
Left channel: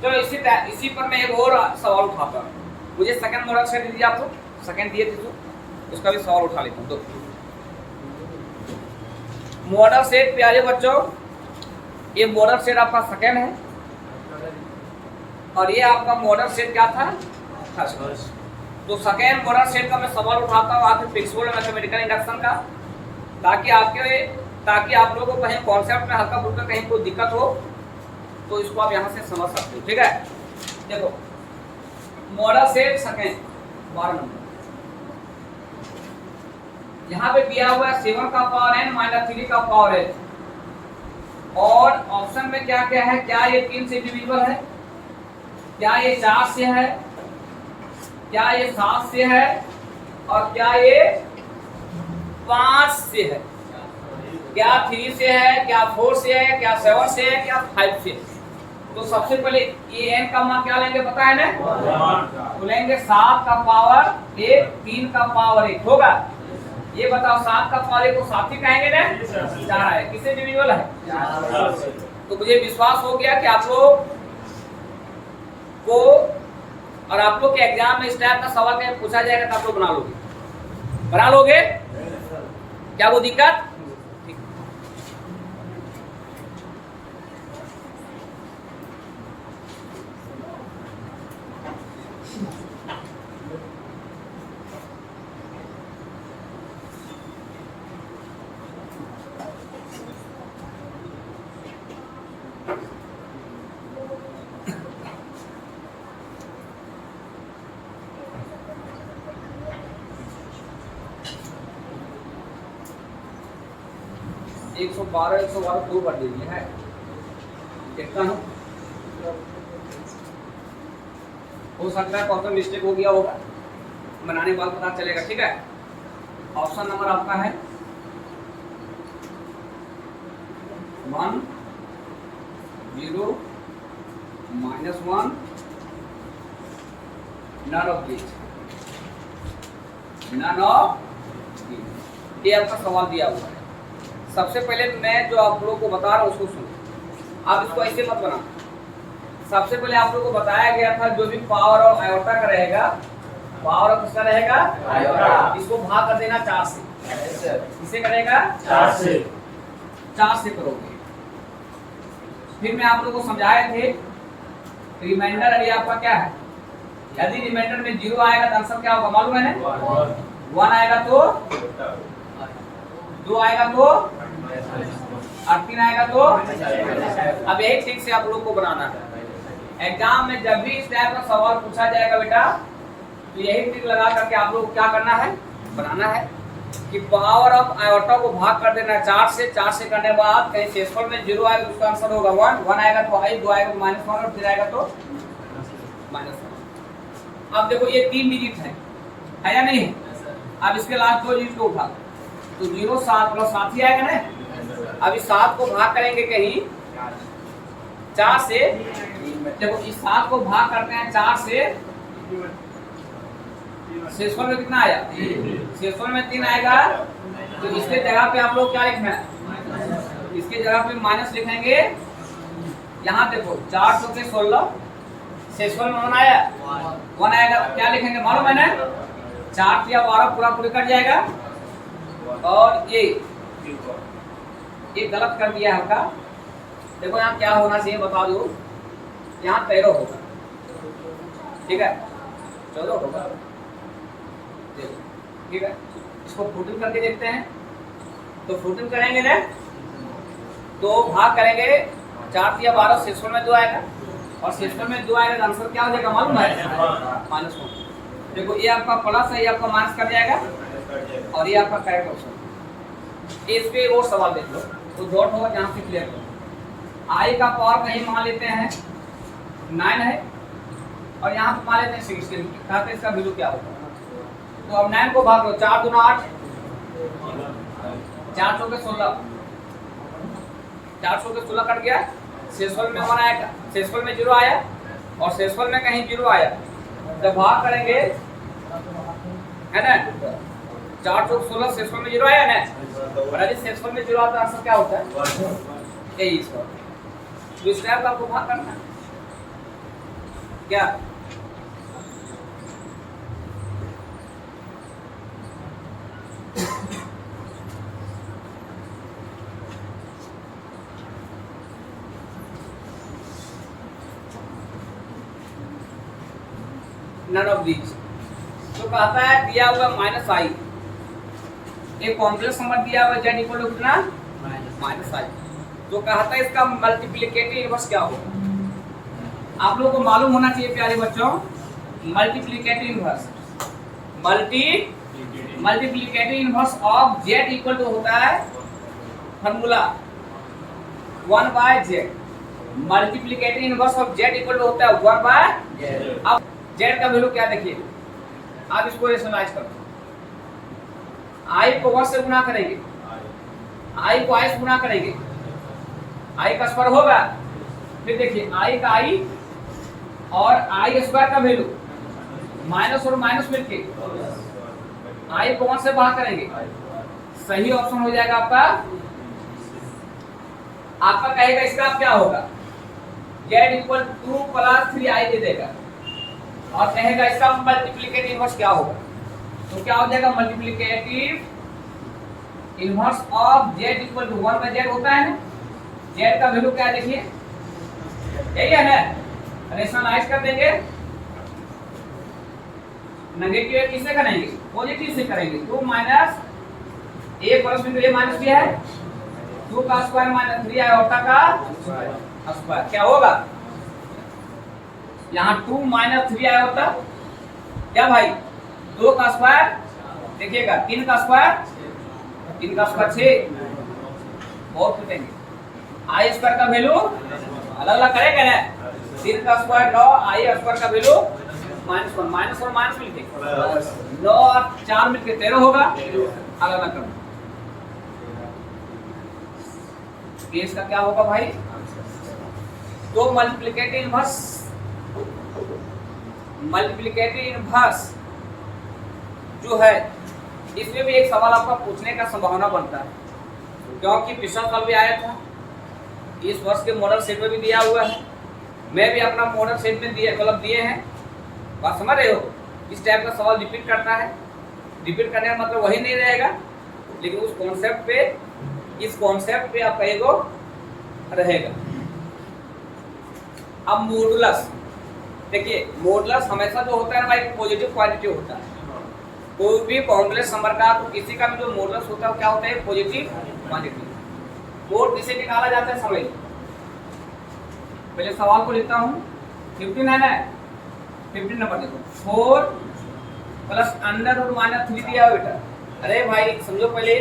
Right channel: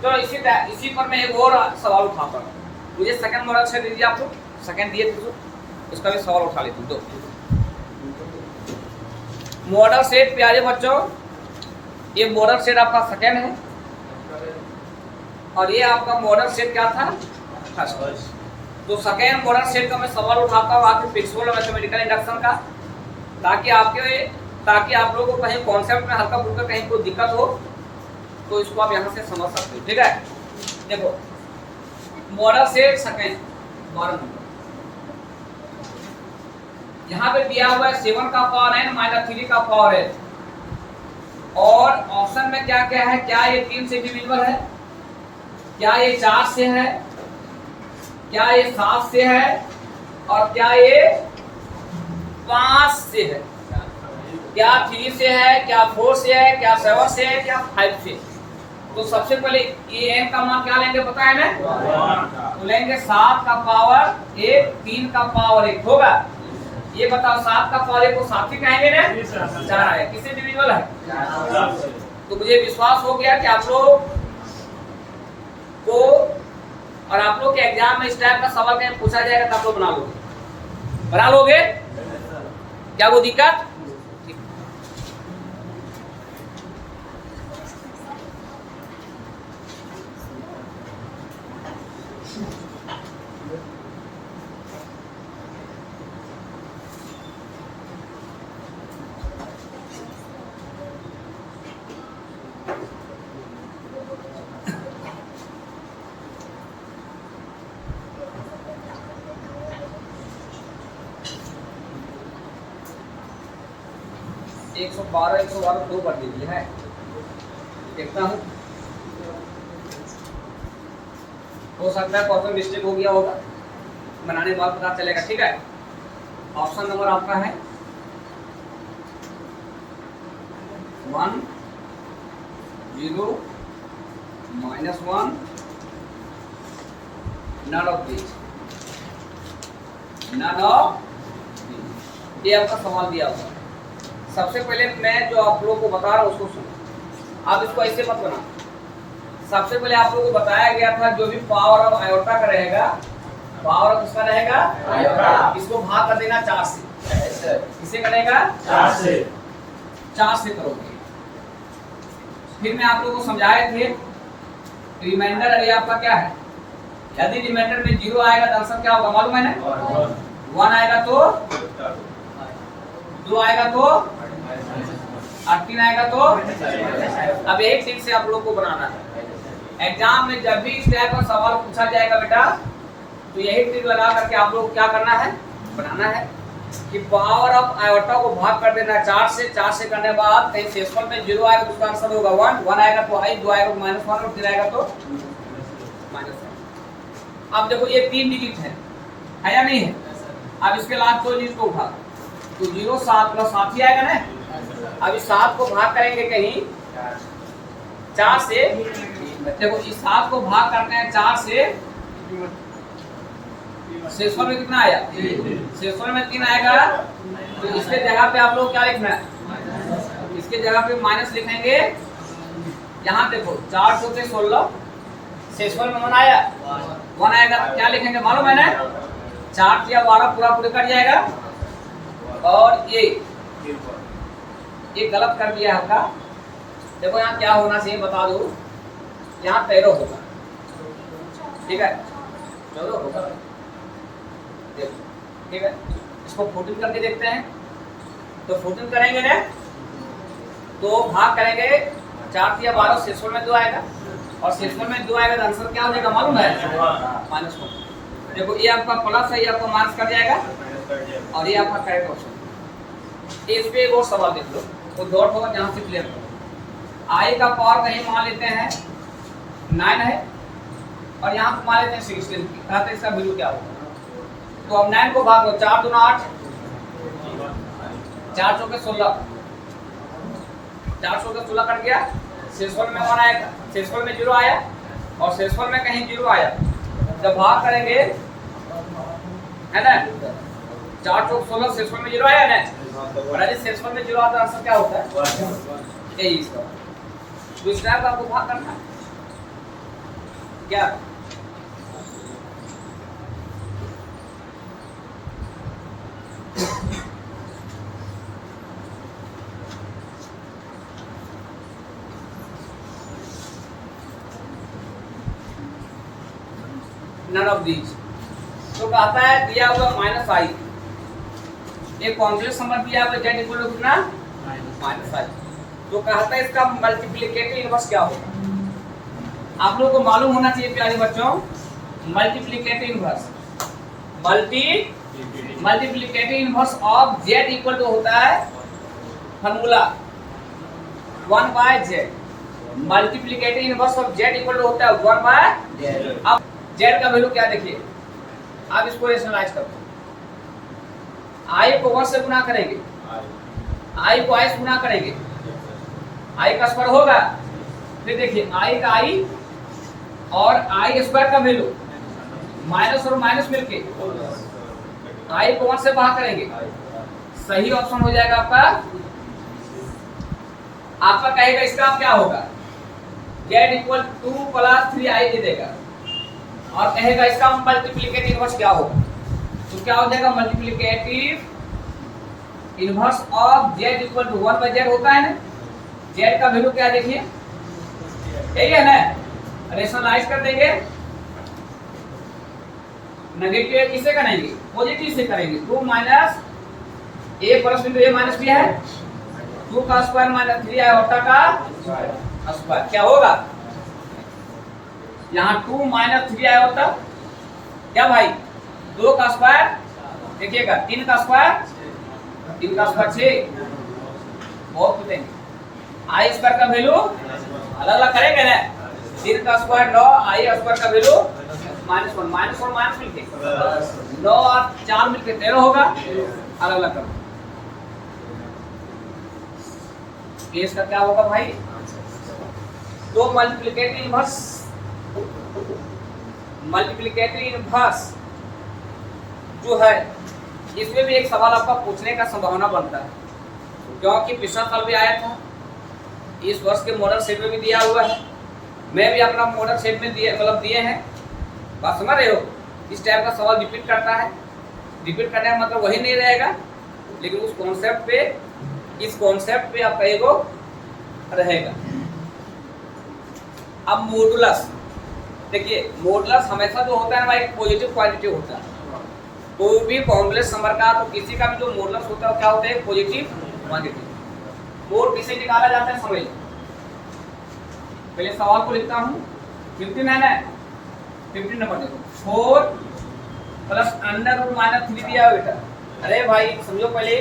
चलो इसी पर मैं एक और सवाल उठाता हूँ। मुझे सेकंड मॉडल सेट दीजिए आप लोग, सेकंड दिए थे तो उसका भी सवाल उठा लेता हूँ। तो मॉडल सेट प्यारे बच्चों, ये मॉडल सेट आपका सेकंड है और ये आपका मॉडल सेट क्या था? फर्स्ट। तो सेकंड मॉडल सेट का मैं सवाल उठाता हूँ आपके प्रिंसिपल मैथमेटिकल इंडक्शन का, ताकि आप लोगों को कहीं कॉन्सेप्ट में हल्का फुल्का कहीं कोई दिक्कत हो तो इसको आप यहाँ से समझ सकते हो, ठीक है। देखो मॉडल सेट सेकंड 12 नंबर, यहाँ पे दिया हुआ है 7 का पावर n - 3 का पावर h, और ऑप्शन में क्या क्या है? क्या ये 3 से डिविजिबल है, क्या ये 4 से है, क्या ये 7 से है, और क्या ये 5 से है। क्या 3 से है, क्या 4 से है, क्या 7 से है, क्या 5 से। तो सबसे पहले ये n का मान क्या लेंगे पता है ना? तो लेंगे 7 का पावर 1, 3 का पावर 1 होगा। ये बताओ 7 का पावर 1 को 7 ही कहेंगे ना? 4 है। किससे डिविजिबल है? तो मुझे विश्वास हो गया कि आप लोग को और आप लोग के एग्जाम में इस टाइप का सवाल कहीं पूछा जाएगा तो आप लोग बना लोगे? क्या वो दिक्कत? 112 112 2 कर दीजिए है। देखता हूँ, हो सकता है क्वेश्चन मिस्टेक हो गया होगा, बनाने के बाद पता चलेगा। ठीक है, ऑप्शन नंबर आपका है 1 0 -1 none of these, none of these। ये आपका सवाल दिया हुआ है। सबसे पहले मैं जो आप लोगों को बता रहा हूँ उसको सुनो, आप इसको ऐसे मत बना। सबसे पहले आप लोगों को बताया गया था जो भी पावर और आयोटा का रहेगा, पावर और किसका रहेगा? आयोटा। इसको भाग कर देना 4 से। किसे करेगा? 4 से। 4 से करोगे। फिर मैं आप लोगों को समझाए थे रिमाइंडर अरे आपका क्या है? यदि रिमाइंडर में 0 आएगा तो आंसर क्या होगा मालूम है ना? 1 आएगा तो 2 आएगा तो और 3 आएगा तो। अब यही ठीक से आप लोग को बनाना है। एग्जाम में जब भी इस टाइप का सवाल पूछा जाएगा बेटा, तो यही ट्रिक लगा करके आप लोग क्या करना है? बनाना है कि पावर ऑफ आयोटा को भाग कर देना 4 से। 4 से करने के बाद कहीं शेषफल में 0 आएगा तो उसका आंसर होगा 1। 1 आएगा तो i, 2 आएगा तो -1 और 3 आएगा तो -1। अब देखो ये 3 डिजिट है या नहीं है? अब इसके लास्ट 2 डिजिट को उठा तो 0 7 प्लस 7 ही आएगा ना। अब इस 7 को भाग करेंगे कहीं 4 से। देखो इस 7 को भाग करते हैं 4 से, शेषफल में कितना आया? शेषफल में 3 आएगा। तो इसके जगह पे आप लोग क्या लिखना है? इसके जगह पे माइनस लिखेंगे। यहाँ देखो 4 चौके 16, शेषफल में 1 आया, 1 आएगा तो क्या लिखेंगे मालूम है ना? 4 या 12 पूरा पूरी कट जाएगा। और ये गलत कर दिया है आपका। देखो यहाँ क्या होना चाहिए बता दो, यहाँ 13 होगा। ठीक है, 14 होगा। ठीक है, इसको 14 करके देखते हैं। तो 14 करेंगे ना तो भाग करेंगे 4 या 12, शेषफल में 2 आएगा और शेषफल में 2 आएगा तो आंसर क्या हो जाएगा मालूम है? -1। देखो ये आपका प्लस है, ये आपका माइनस कर जाएगा और ये आपका करेक्ट ऑप्शन। इस पे एक और सवाल देख लो, वो डॉट होगा जहाँ से क्लियर करो। आई का पावर कहीं मान लेते हैं 9 है और यहाँ पे मान लेते हैं 16। कहते हैं इसका वैल्यू क्या होगा? तो अब 9 को भाग लो, 4 दूना 8, 4 चौके 16, 4 चौके 16 कट गया। शेषफल में 1 आएगा, शेषफल में 0 आया और शेषफल में कहीं 0 आया। जब भाग करेंगे है ना, 4 चौक 16, शेषफल में 0 आया ना, और यदि शेषफल में 0 आता है आंसर क्या होता है? यही इसका। दूसरा टाइप आपको भाग करना है क्या? None of these. तो कहता है दिया हुआ -i, एक कॉम्प्लेक्स नंबर दिया हुआ z इक्वल टू कितना? -i। तो कहता है इसका मल्टीप्लिकेटिव इनवर्स क्या होगा? आप लोगों को मालूम होना चाहिए प्यारे बच्चों, multiplicative inverse multiplicative inverse of z equal to होता है formula 1/z। Multiplicative inverse of z equal to होता है 1/z। अब z का वैल्यू क्या देखिए, आप इसको रेशनलाइज करते हैं। i को 1 से गुना करेंगे, आई को आई से गुना करेंगे, आई का स्क्वायर होगा, फिर देखिए आई का आई और आई स्क्वायर का वैल्यू माइनस और माइनस मिलके आई को 1 से भाग करेंगे, सही ऑप्शन हो जाएगा आपका। आपका कहेगा इसका क्या होगा, z इक्वल 2 प्लस 3i दे देगा और कहेगा इसका मल्टीप्लिकेटिव इनवर्स क्या होगा, तो क्या हो जाएगा multiplicative inverse of z equal to 1/z होता है ना, z का वैल्यू क्या देखिए यही है ना, रेशनलाइज कर देंगे, नेगेटिव किससे करेंगे, पॉजिटिव से करेंगे, 2 माइनस a प्लस बिंदु a माइनस b है, 2 का स्क्वायर माइनस 3i होता का स्क्वायर, क्या होगा यहाँ 2 माइनस 3i होता क्या भाई, 2 का स्क्वायर देखिएगा, 3 का स्क्वायर 6 बहुत पूछेंगे, आई स्क्वायर का वैल्यू अलग अलग करेंगे ना, 3 का स्क्वायर 9, आई स्क्वायर का वैल्यू -1, माइनस और माइनस मिलके 9 और 4 मिलके 13 होगा, अलग अलग करो, केस का क्या होगा भाई, तो मल्टीप्लिकेटिव इनवर्स जो है इसमें भी एक सवाल आपका पूछने का संभावना बनता है, क्योंकि पिछला साल भी आया था, इस वर्ष के मॉडल सेट में भी दिया हुआ है, मैं भी अपना मॉडल सेट में दिए हैं, बात समझ रहे हो, इस टाइप का सवाल रिपीट करता है, रिपीट करने का मतलब वही नहीं रहेगा, लेकिन उस कॉन्सेप्ट पे, इस कॉन्सेप्ट पे आपका एगो रहेगा। अब मॉडुलस देखिए, मॉडुलस हमेशा जो होता है ना भाई पॉजिटिव क्वांटिटी होता है, कोई भी कॉम्प्लेक्स नंबर का तो किसी का भी जो मॉडुलस होता है क्या होता है, पॉजिटिव क्वांटिटी। मोड किसे निकाला जाता है समझ, पहले सवाल को लिखता हूँ, 15 है ना, 15 नंबर देखो, 4 प्लस अंडर रूट माइनस 3 दिया बेटा, अरे भाई समझो, पहले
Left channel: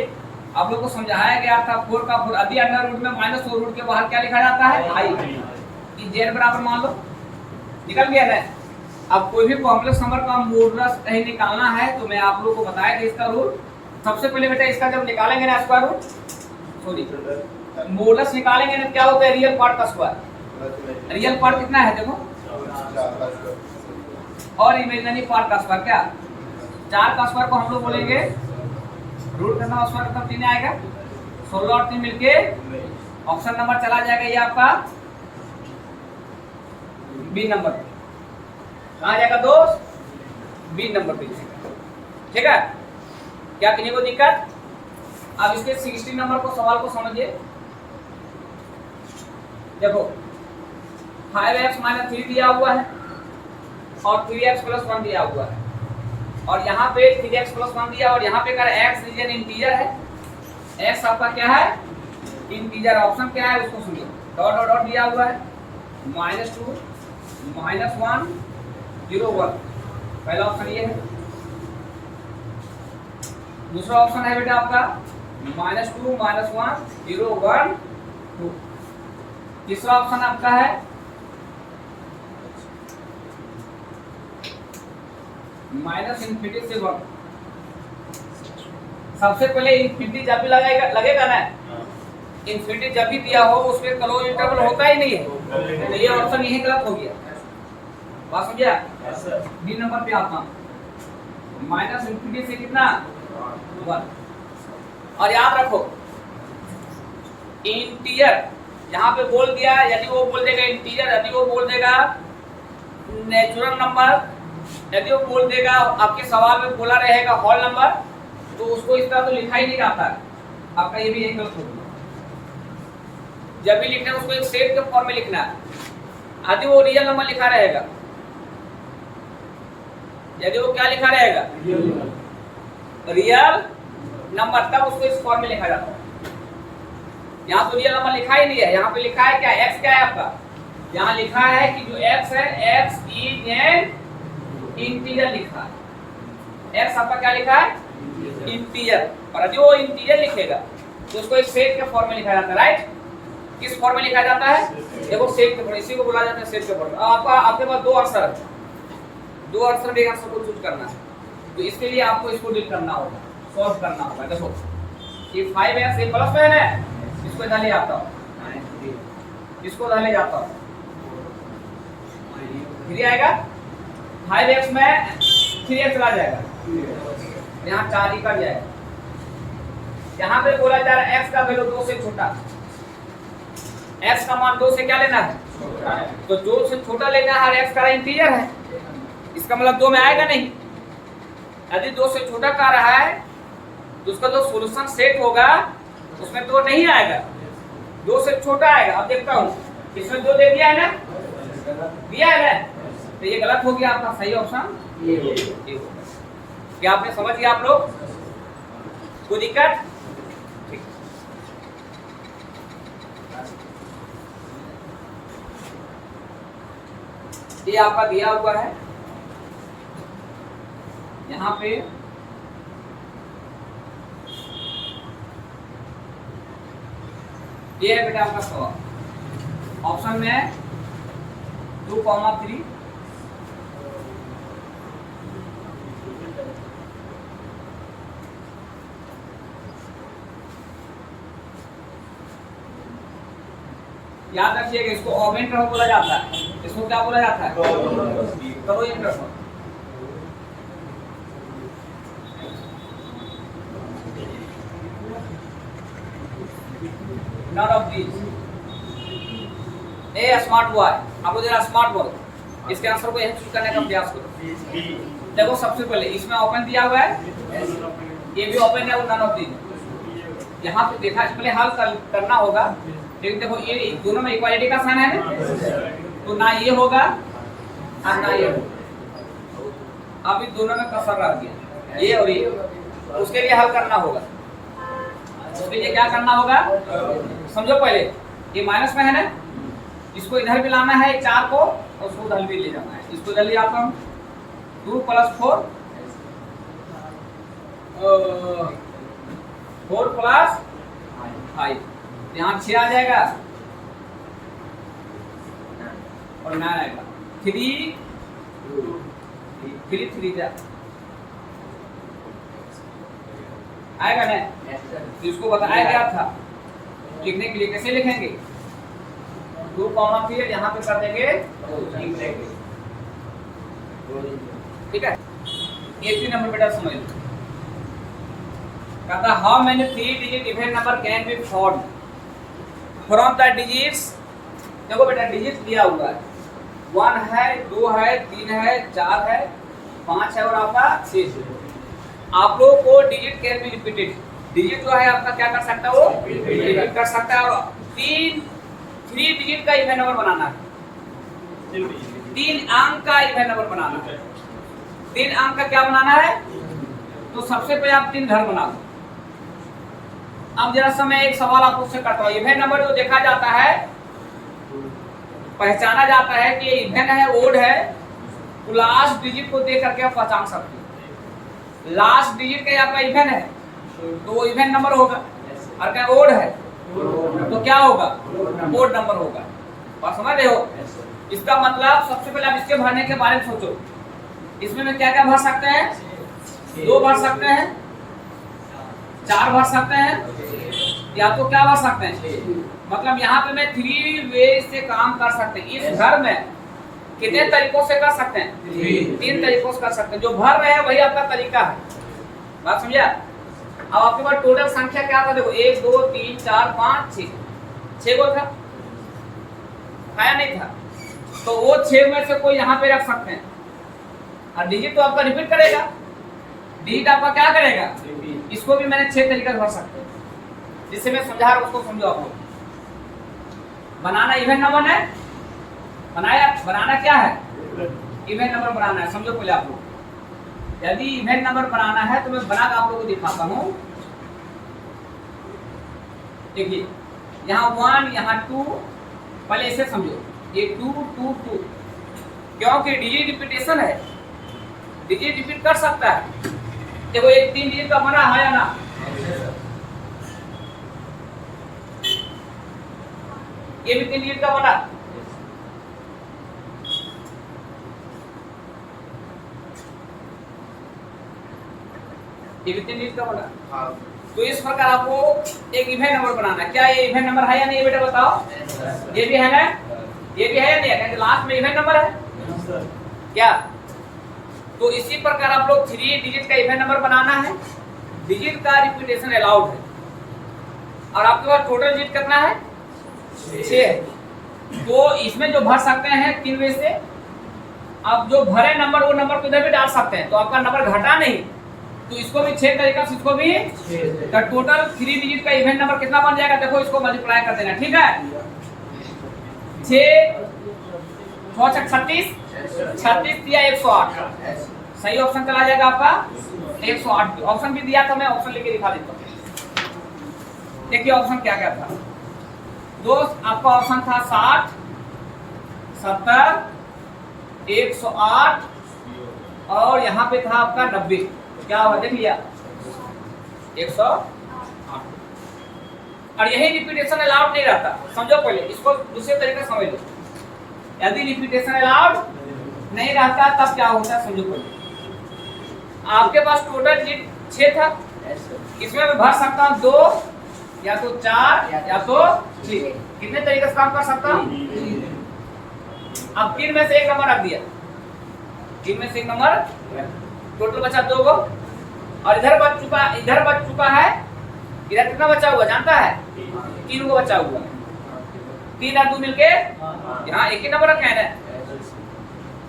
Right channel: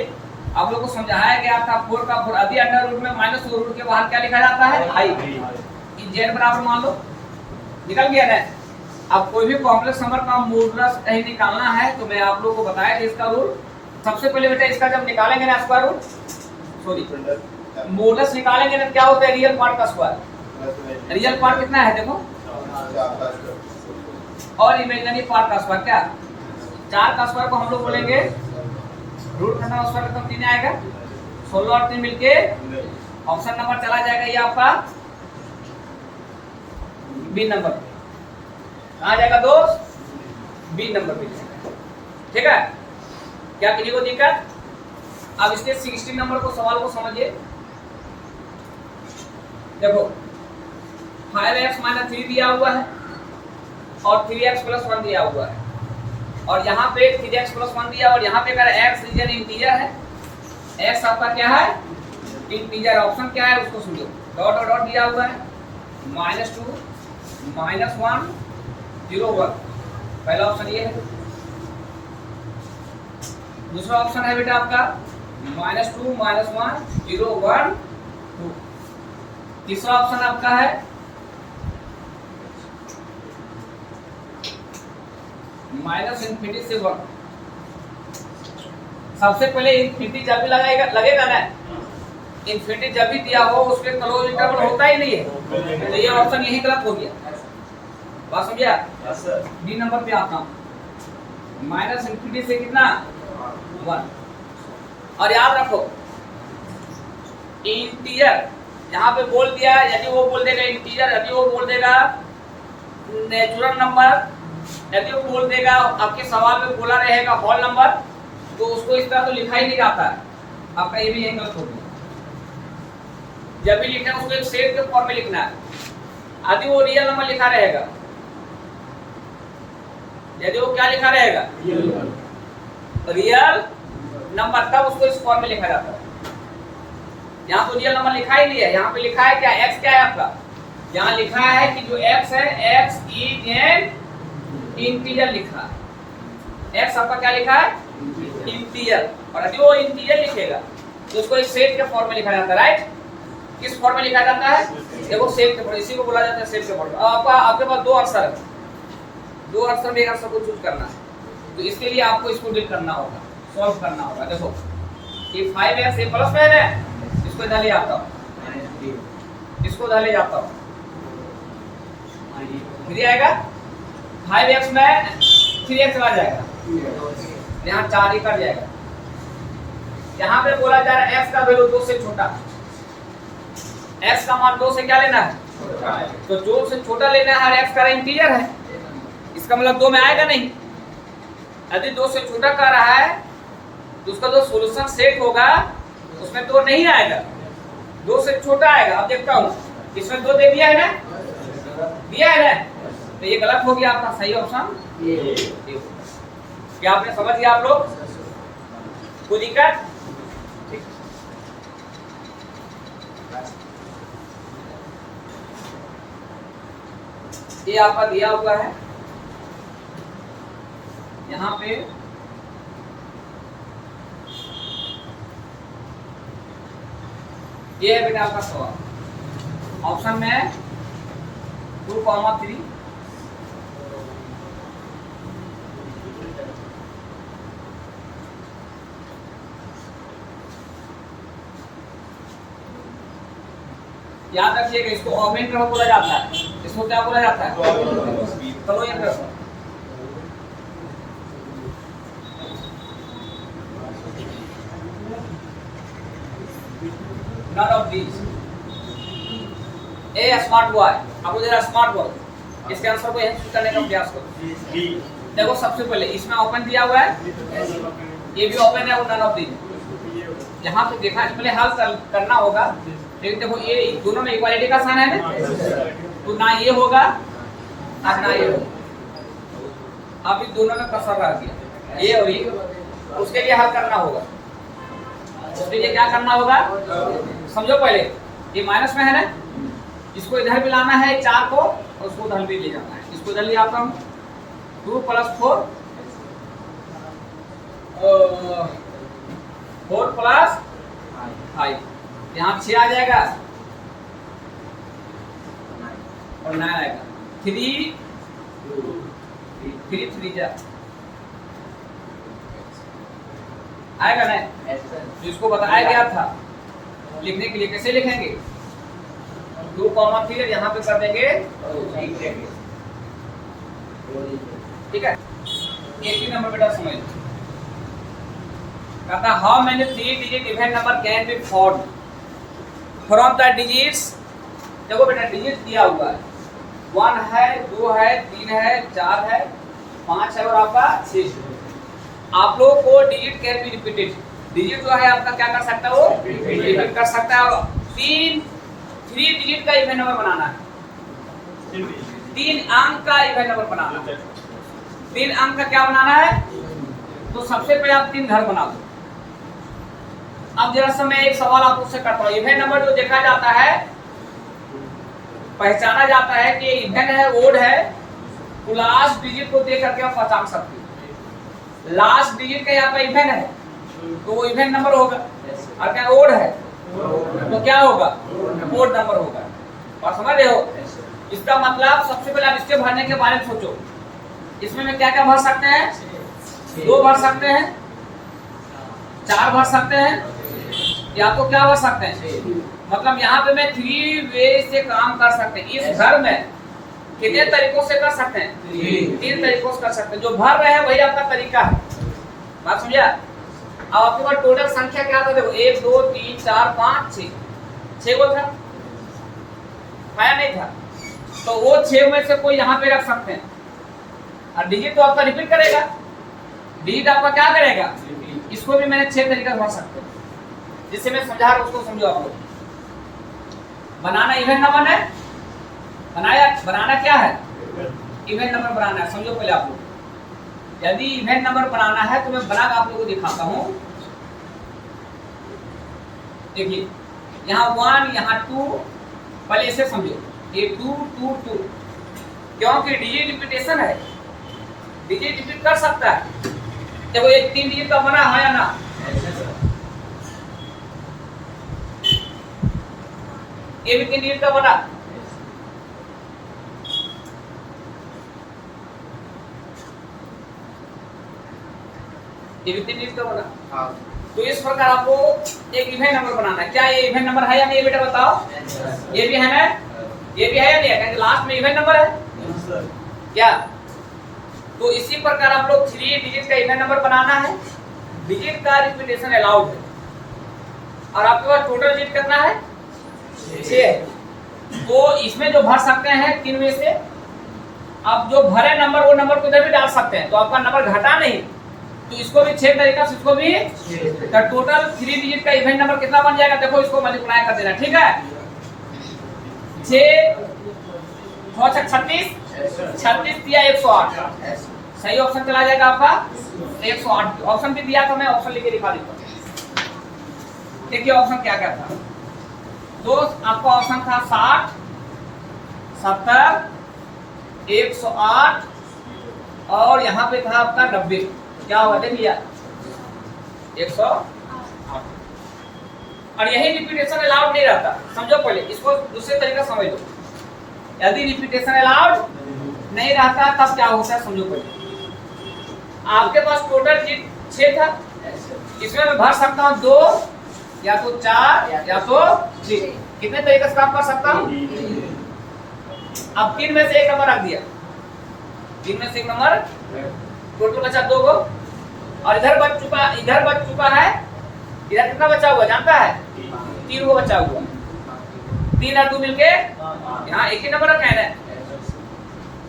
आप लोग को समझाया गया था 4 का 4, अभी अंडर रूट में माइनस और रूट के बाहर क्या लिखा जाता है, आई, z बराबर मान लो, निकल गया ना। अब कोई भी कॉम्प्लेक्स नंबर का मॉडुलस कहीं निकालना है तो मैं आप लोग को बताया कि इसका रूट, सबसे पहले बेटा इसका जब निकालेंगे ना स्क्वायर रूट, सॉरी मॉडुलस निकालेंगे ना, क्या होता है, रियल पार्ट का स्क्वायर, रियल पार्ट कितना है देखो, और इमेजिनरी पार्ट का स्क्वायर क्या, 4 का स्क्वायर को हम लोग बोलेंगे रूट करना, स्क्वायर का 3 आएगा, 16 और 3 मिलके ऑप्शन नंबर चला जाएगा, ये आपका बी नंबर, कहाँ जाएगा दोस्त, बी नंबर पे, ठीक है, क्या किसी को दिक्कत। अब इसके 16 नंबर को सवाल को समझिए, देखो 5x माइनस 3 दिया हुआ है और 3x प्लस 1 दिया हुआ है, और यहाँ पे 3x प्लस 1 दिया, और यहाँ पे अगर x रीजन इंटीजर है, x आपका क्या है, इंटीजर, ऑप्शन क्या है उसको सुनिए, डॉट डॉट डॉट दिया हुआ है, -2 -1 0 1, पहला ऑप्शन ये है, दूसरा ऑप्शन है बेटा आपका -2 -1 0 1 2, तीसरा ऑप्शन आपका है -∞ से 1। सबसे पहले इन्फिनिटी जब भी लगेगा ना, इन्फिनिटी जब भी दिया हो उसके क्लोज इंटरवल होता ही नहीं है, तो ये ऑप्शन यही गलत हो गया, बात समझिए। डी नंबर पे आता हूँ, -∞ से कितना 1, और याद रखो इंटीजर यहाँ पे बोल दिया, यदि वो बोल देगा इंटीजर, यदि वो बोल देगा नेचुरल नंबर, यदि वो बोल देगा आपके सवाल में बोला रहेगा होल नंबर, तो उसको इस तरह तो लिखा ही नहीं जाता है, आपका ये भी यही गलत हो गया। जब भी लिखना है उसको एक सेट के फॉर्म में लिखना है, यदि वो रियल नंबर लिखा रहेगा, यदि वो क्या लिखा रहेगा, रियल नंबर, तब उसको इस फॉर्म में लिखा जाता है। यहाँ तो रियल नंबर लिखा ही नहीं है, यहाँ पे लिखा है क्या, x क्या है आपका, यहाँ लिखा है कि जो x है x इज एन इंटीजर लिखा है, x आपका क्या लिखा है, इंटीजर, और यदि वो इंटीजर लिखेगा तो उसको इस सेट के फॉर्म में लिखा जाता है, राइट, किस फॉर्म में लिखा जाता है, देखो सेट के फॉर्म, इसी को बोला जाता है सेट के फॉर्म। अब आपके पास 2 आंसर है, 2 आंसर में एक आंसर को चूज करना है, तो इसके लिए आपको इसको डील करना होगा, सॉल्व करना होगा। देखो ये 5x ये प्लस में है ना, इसको इधर ले आता हूँ, इसको इधर ले जाता हूँ, 3 आएगा, 5x में 3x चला जाएगा, यहाँ 4 ही कट जाएगा। यहाँ पे बोला जा रहा है x का वैल्यू 2 से छोटा, x का मान 2 से क्या लेना है, तो 2 से छोटा लेना है, और x का इंटीजर है, इसका मतलब 2 में आएगा नहीं। यदि 2 से छोटा का रहा है तो उसका जो सॉल्यूशन सेट होगा उसमें 2 नहीं आएगा, 2 से छोटा आएगा। अब देखता हूँ इसमें 2 दे दिया है ना, दिया है ना, तो ये गलत हो गया, आपका सही ऑप्शन ये होगा। क्या आपने समझ गया आप लोग, कोई दिक्कत? ये आपका दिया हुआ है यहाँ पे, ये है बेटा आपका सवाल, ऑप्शन में 2,3 याद रखिएगा, इसको ऑगमेंटर बोला जाता है, इसको क्या बोला जाता है, करो ये प्रश्न। None of these. A smart boy, आपको जरा स्मार्ट बॉय, इसके आंसर को यही करने का प्रयास करो। देखो सबसे पहले इसमें ओपन दिया हुआ है, ये भी ओपन है, नन ऑफ दीज। यहाँ पे देखा पहले हल करना होगा, लेकिन देखो ये दोनों में इक्वालिटी का साइन है ना, तो ना ये होगा और ना ये होगा। अब दोनों में कसर रह गया, ये और ये, उसके लिए हल करना होगा। उसके लिए क्या करना होगा, समझो पहले ये माइनस में है ना, इसको इधर भी लाना है 4 को, और उसको इधर भी ले जाना है, इसको इधर ले आता हूँ, 2 + 4 4 + 5, यहाँ 6 आ जाएगा और 9 आएगा, 3 जा आएगा ना, इसको बताया गया था लिखने के लिए, कैसे लिखेंगे, 2,3 यहाँ पे कर देंगे, ठीक है। 80 नंबर बेटा समझ लो, कहता how many 3 digit even number can be found from the digits. देखो बेटा डिजिट दिया हुआ है, 1 है, 2 है, 3 है, 4 है, 5 है और आपका 6 है। आप लोगों को digit can be repeated, digit जो है आपका क्या कर सकता है, वो रिपीट कर सकता है। और 3 डिजिट का इवन नंबर बनाना है, 3 अंक का इवन नंबर बनाना है। 3 अंक का क्या बनाना है, तो सबसे पहले आप 3 घर बना दो। अब जरा सा मैं एक सवाल आप उससे करता हूँ, इवन नंबर जो देखा जाता है, पहचाना जाता है कि इवन है, ओड है, तो लास्ट डिजिट को देख करके आप पहचान सकते हो। लास्ट डिजिट का यहाँ पर इवन है तो वो इवन नंबर होगा, और क्या ओड है तो क्या होगा, ओड नंबर होगा। और समझ रहे हो, इसका मतलब सबसे पहले आप इसके भरने के बारे में सोचो, इसमें मैं क्या क्या भर सकते हैं, 2 भर सकते हैं, 4 भर सकते हैं, या तो क्या भर सकते हैं, मतलब यहाँ पे मैं 3 वे से काम कर सकते हैं। इस घर में कितने तरीकों से कर सकते हैं, 3 तरीकों से कर सकते हैं। जो भर रहे हैं वही आपका तरीका है, बात समझा। अब आपके पास टोटल संख्या क्या था, देखो 1 2 3 4 5 6 को था, आया नहीं था, तो वो 6 में से कोई यहाँ पे रख सकते हैं। और डिजिट तो आपका रिपीट करेगा, डिजिट आपका क्या करेगा, इसको भी मैंने 6 तरीके से भर सकते हैं, जिससे मैं समझा रहा हूं उसको समझो आप लोग। बनाना इवन नंबर है, बनाना क्या है, इवन नंबर बनाना है। समझो पहले आप लोग, यदि इवन नंबर बनाना है तो मैं बना कर आप लोगों को दिखाता हूं। देखिए यहाँ 1 यहाँ 2, पहले इसे समझो, ये 2 2 2, क्योंकि डिजिट रिपीटेशन है, डिजिट रिपीट कर सकता है। देखो ये 3 डिजिट का बना है या ना, ये भी 3 डिजिट का बना, ये भी 3 डिजिट का बना। तो इस प्रकार आपको एक इवन नंबर बनाना है। क्या ये इवन नंबर है या नहीं बेटा बताओ? ये भी है ना, ये भी है या नहीं है? क्योंकि लास्ट में इवन नंबर है क्या? तो इसी प्रकार आप लोग 3 डिजिट का इवन नंबर बनाना है। डिजिट का रिपीटेशन अलाउड है और आपके पास टोटल डिजिट कितना है? 6। तो इसमें जो भर सकते हैं 3 में से, आप जो भरे नंबर वो नंबर को इधर भी डाल सकते हैं, तो आपका नंबर घटा नहीं। तो इसको भी 6 तरीका से, इसको भी तो टोटल 3 डिजिट का इवन नंबर कितना बन जाएगा? देखो इसको मल्टीप्लाई कर देना, ठीक है? 6 36 36 दिया 108, सही ऑप्शन चला जाएगा आपका 108। ऑप्शन भी दिया था, मैं ऑप्शन लिखे दिखा देता हूँ। देखिए ऑप्शन क्या क्या था दोस्त, आपका ऑप्शन था 60 70 108 और यहाँ पे था आपका 90। क्या होगा देख लिया? 108। और यही रिपीटेशन अलाउड नहीं रहता, समझो पहले इसको, दूसरे तरीका समझ लो। यदि रिपीटेशन अलाउड नहीं रहता तब क्या होता है समझो पहले। आपके पास टोटल 6 था, इसमें मैं भर सकता हूँ 2 या तो 4 या तो 3। कितने तरीके से काम कर सकता हूँ? अब 3 में से एक नंबर रख दिया, 3 में से एक नंबर, टोटल बचा 2 को। और इधर बच चुका है, इधर कितना बचा हुआ जानता है? 3 को बचा हुआ। 3 और 2 मिलके यहाँ एक ही नंबर रखा है ना,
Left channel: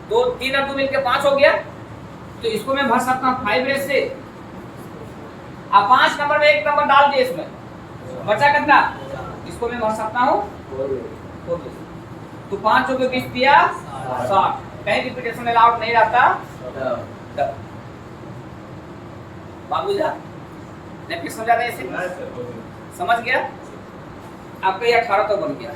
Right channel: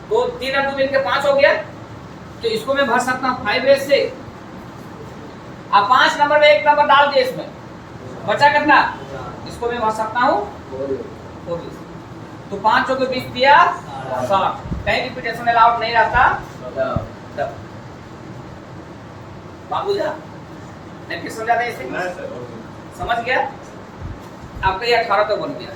तो 3 और 2 मिलके 5 हो गया। तो इसको मैं भर सकता हूँ 5 से। अब 5 नंबर में एक नंबर डाल दिया, इसमें बचा कितना? इसको मैं भर सकता हूँ 4। तो 5 के 20 दिया 60। कहीं रिपीटेशन अलाउड नहीं रहता। बाबू जा नहीं फिर समझा था इसे? समझ गया? आपका ये 18 तो बन गया।